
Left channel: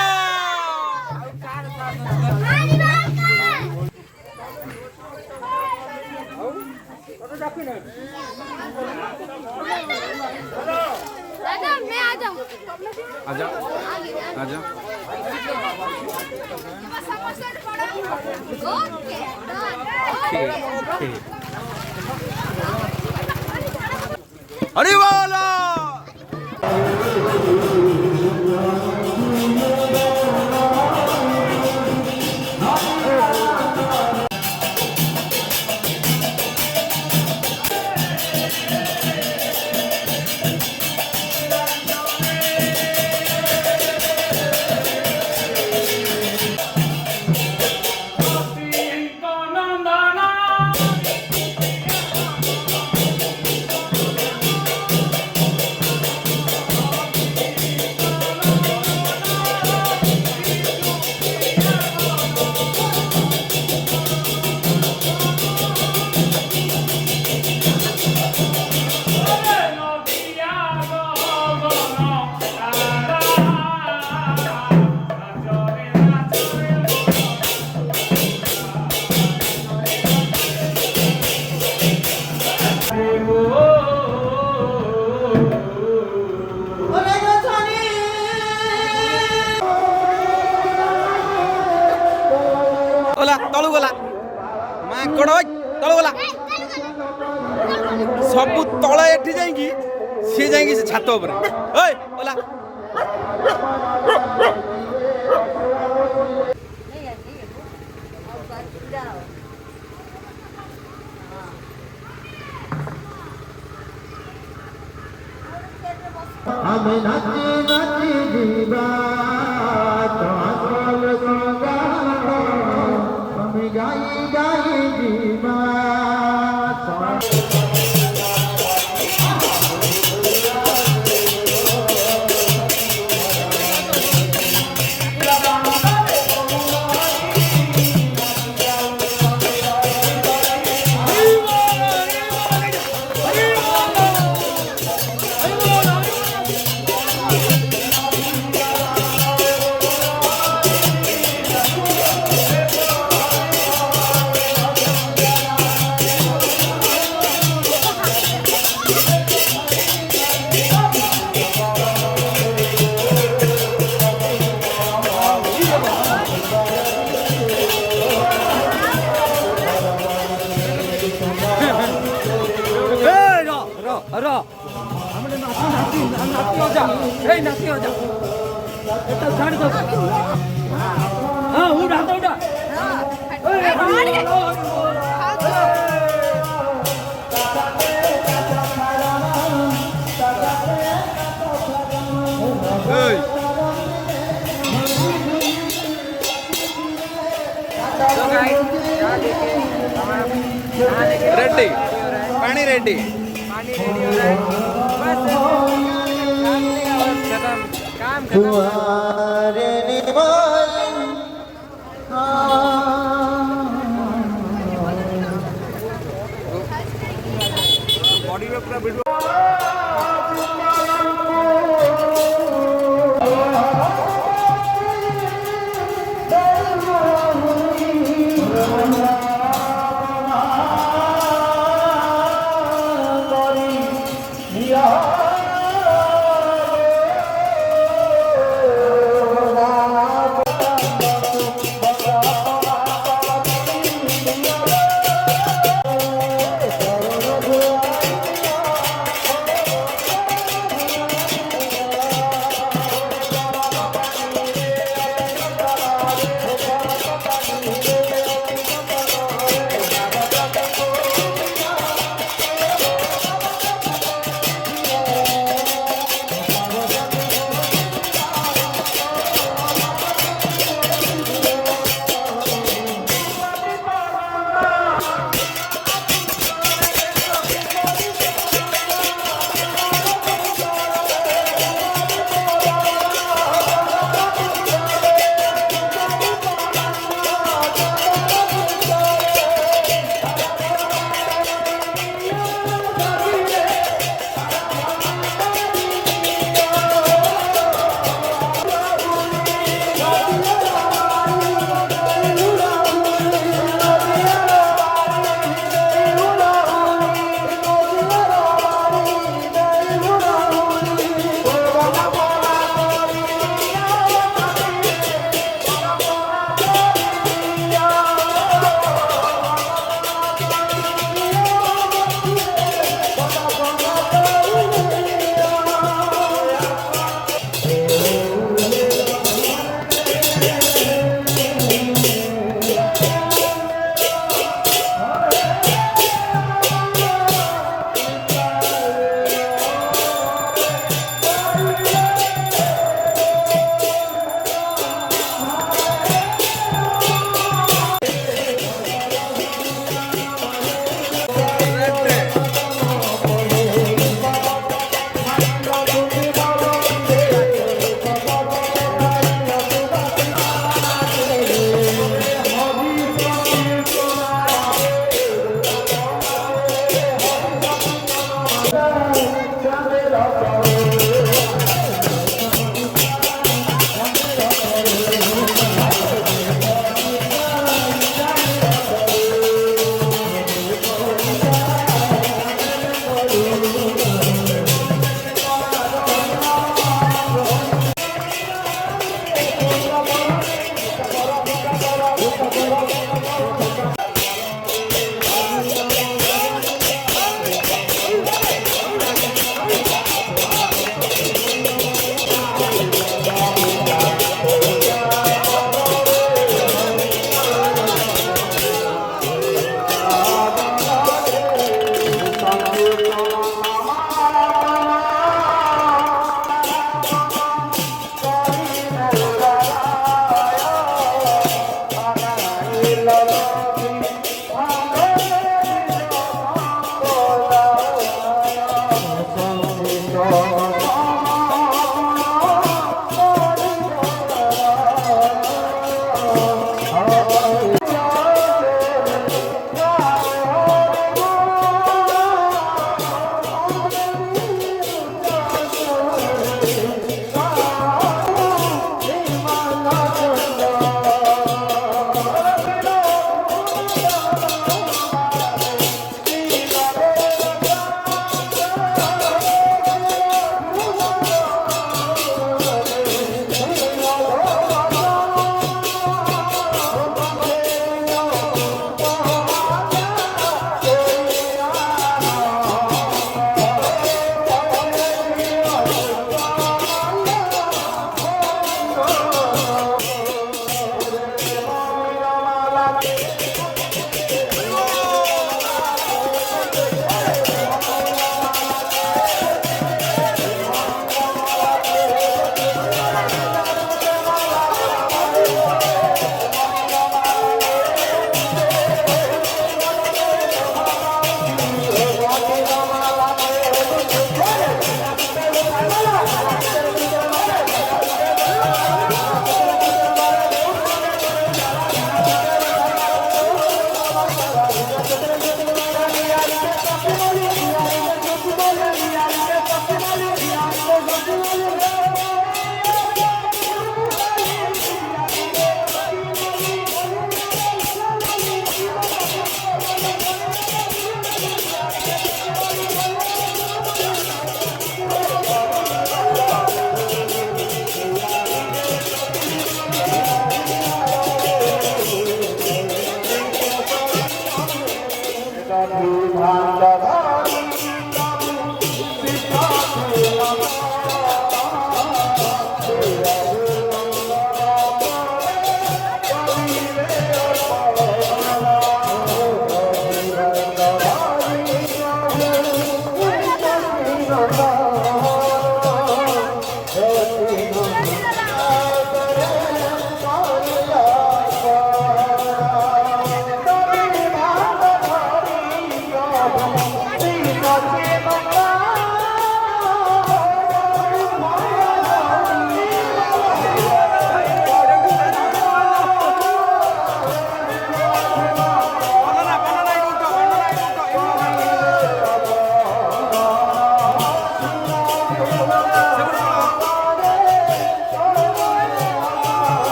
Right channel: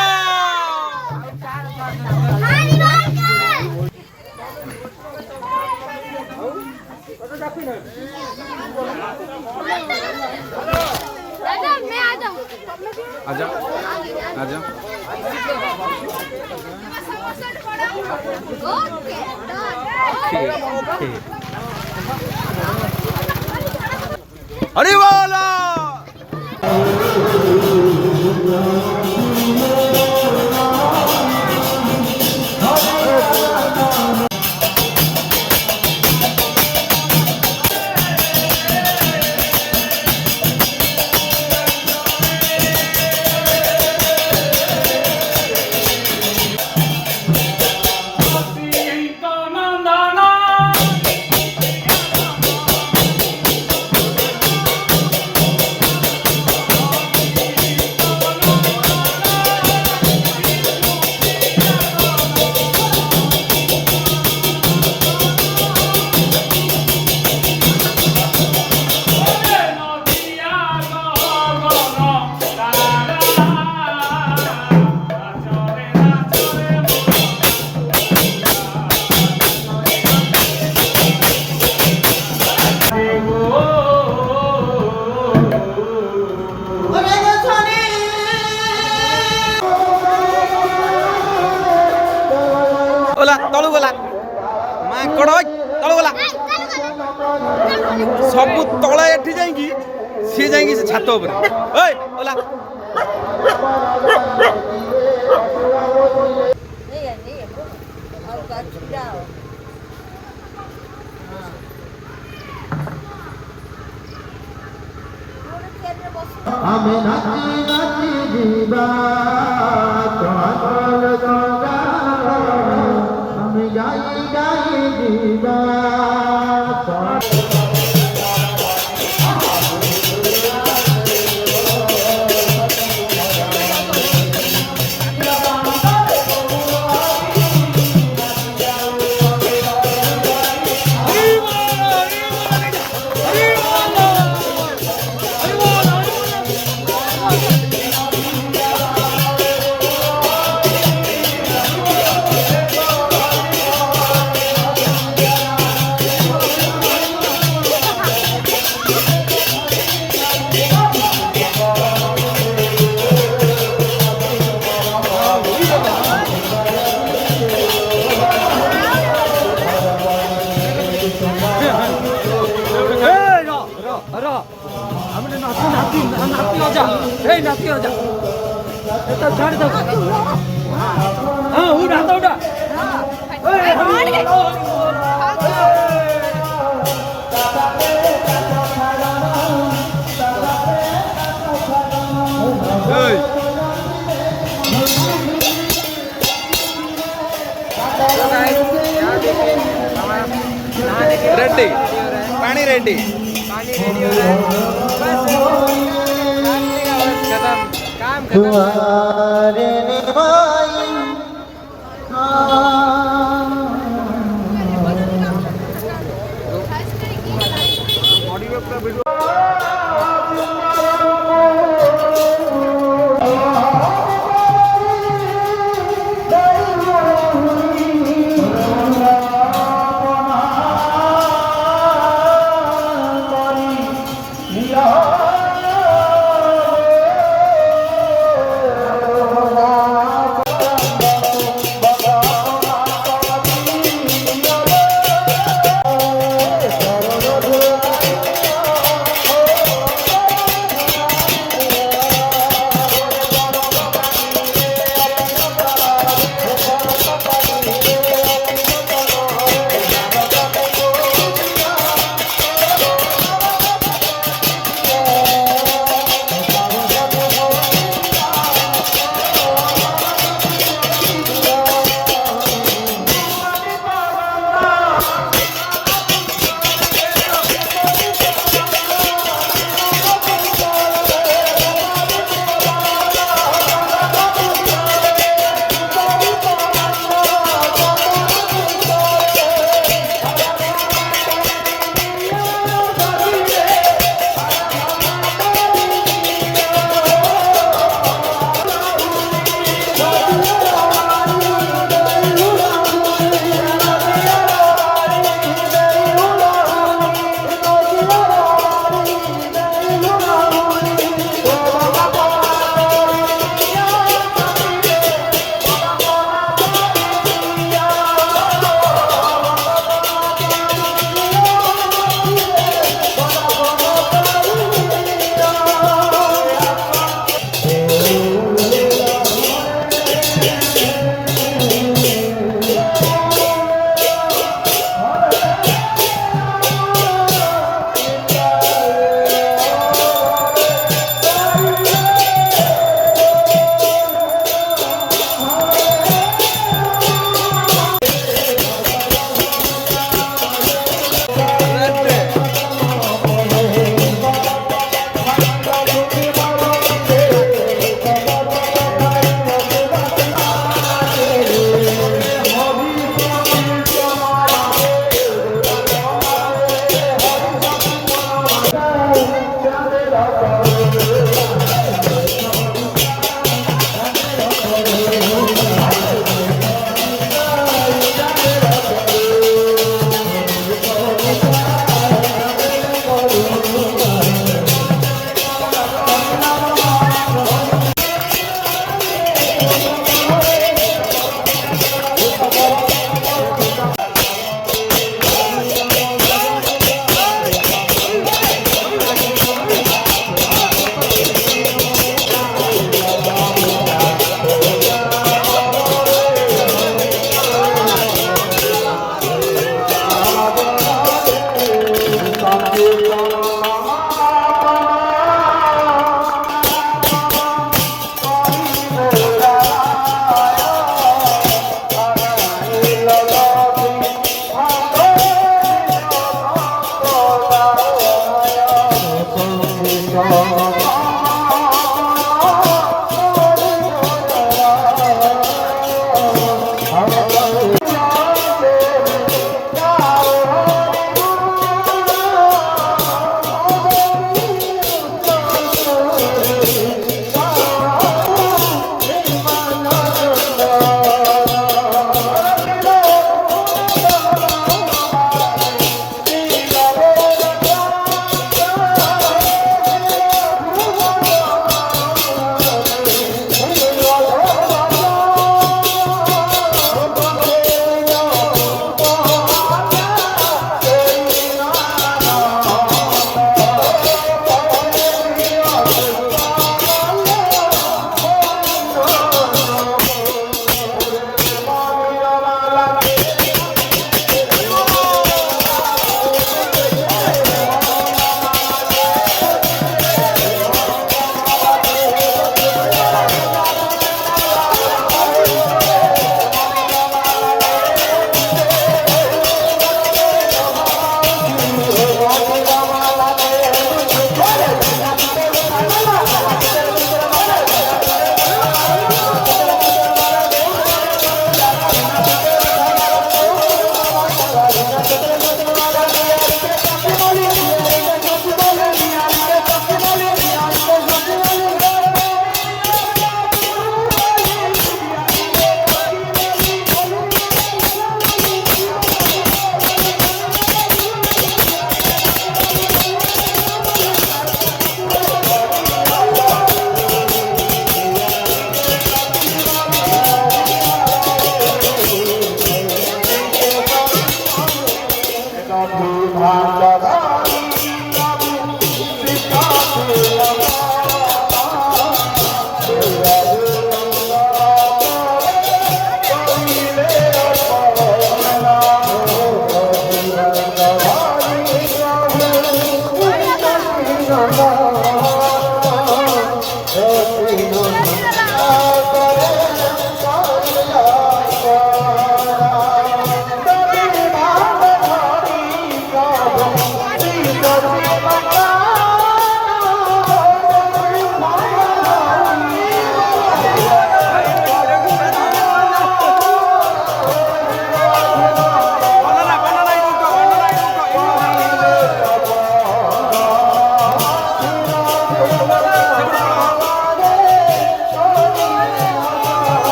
आजा आजा अरे बोला ତଳୁ ଗଲା ମାଙ୍କଡ ତଳୁ ଗଲା ସବୁ ତଳେ ଏଠି ଯାଇକି ସିଏ ଯାଇକି ସେ ଛାତ ଉପରେ ଓଇ ଓଲା ଆମେ ନାଚି ନାଚି ଯିବା ଚଳଚଳ ଗଙ୍ଗା ଆମେ ଗାଇ ଗାଇ ଯିବା रेडी पानी रेडी पानी रेडी हो रहा है बस डालने का बस खत्म काम खत्म बॉडी में पूरा वीडियो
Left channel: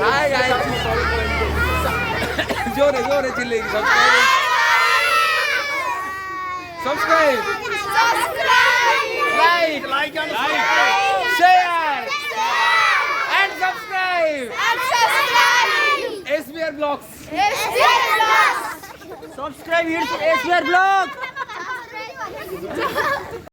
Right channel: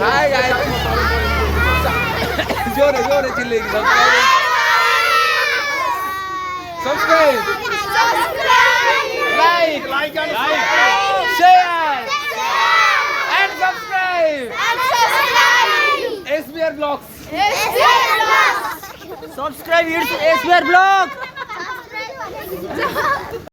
हाय गाइस जोरे जोरे चिल्लेगी subscribe like share and subscribe SBR Vlogs subscribe SBR Vlog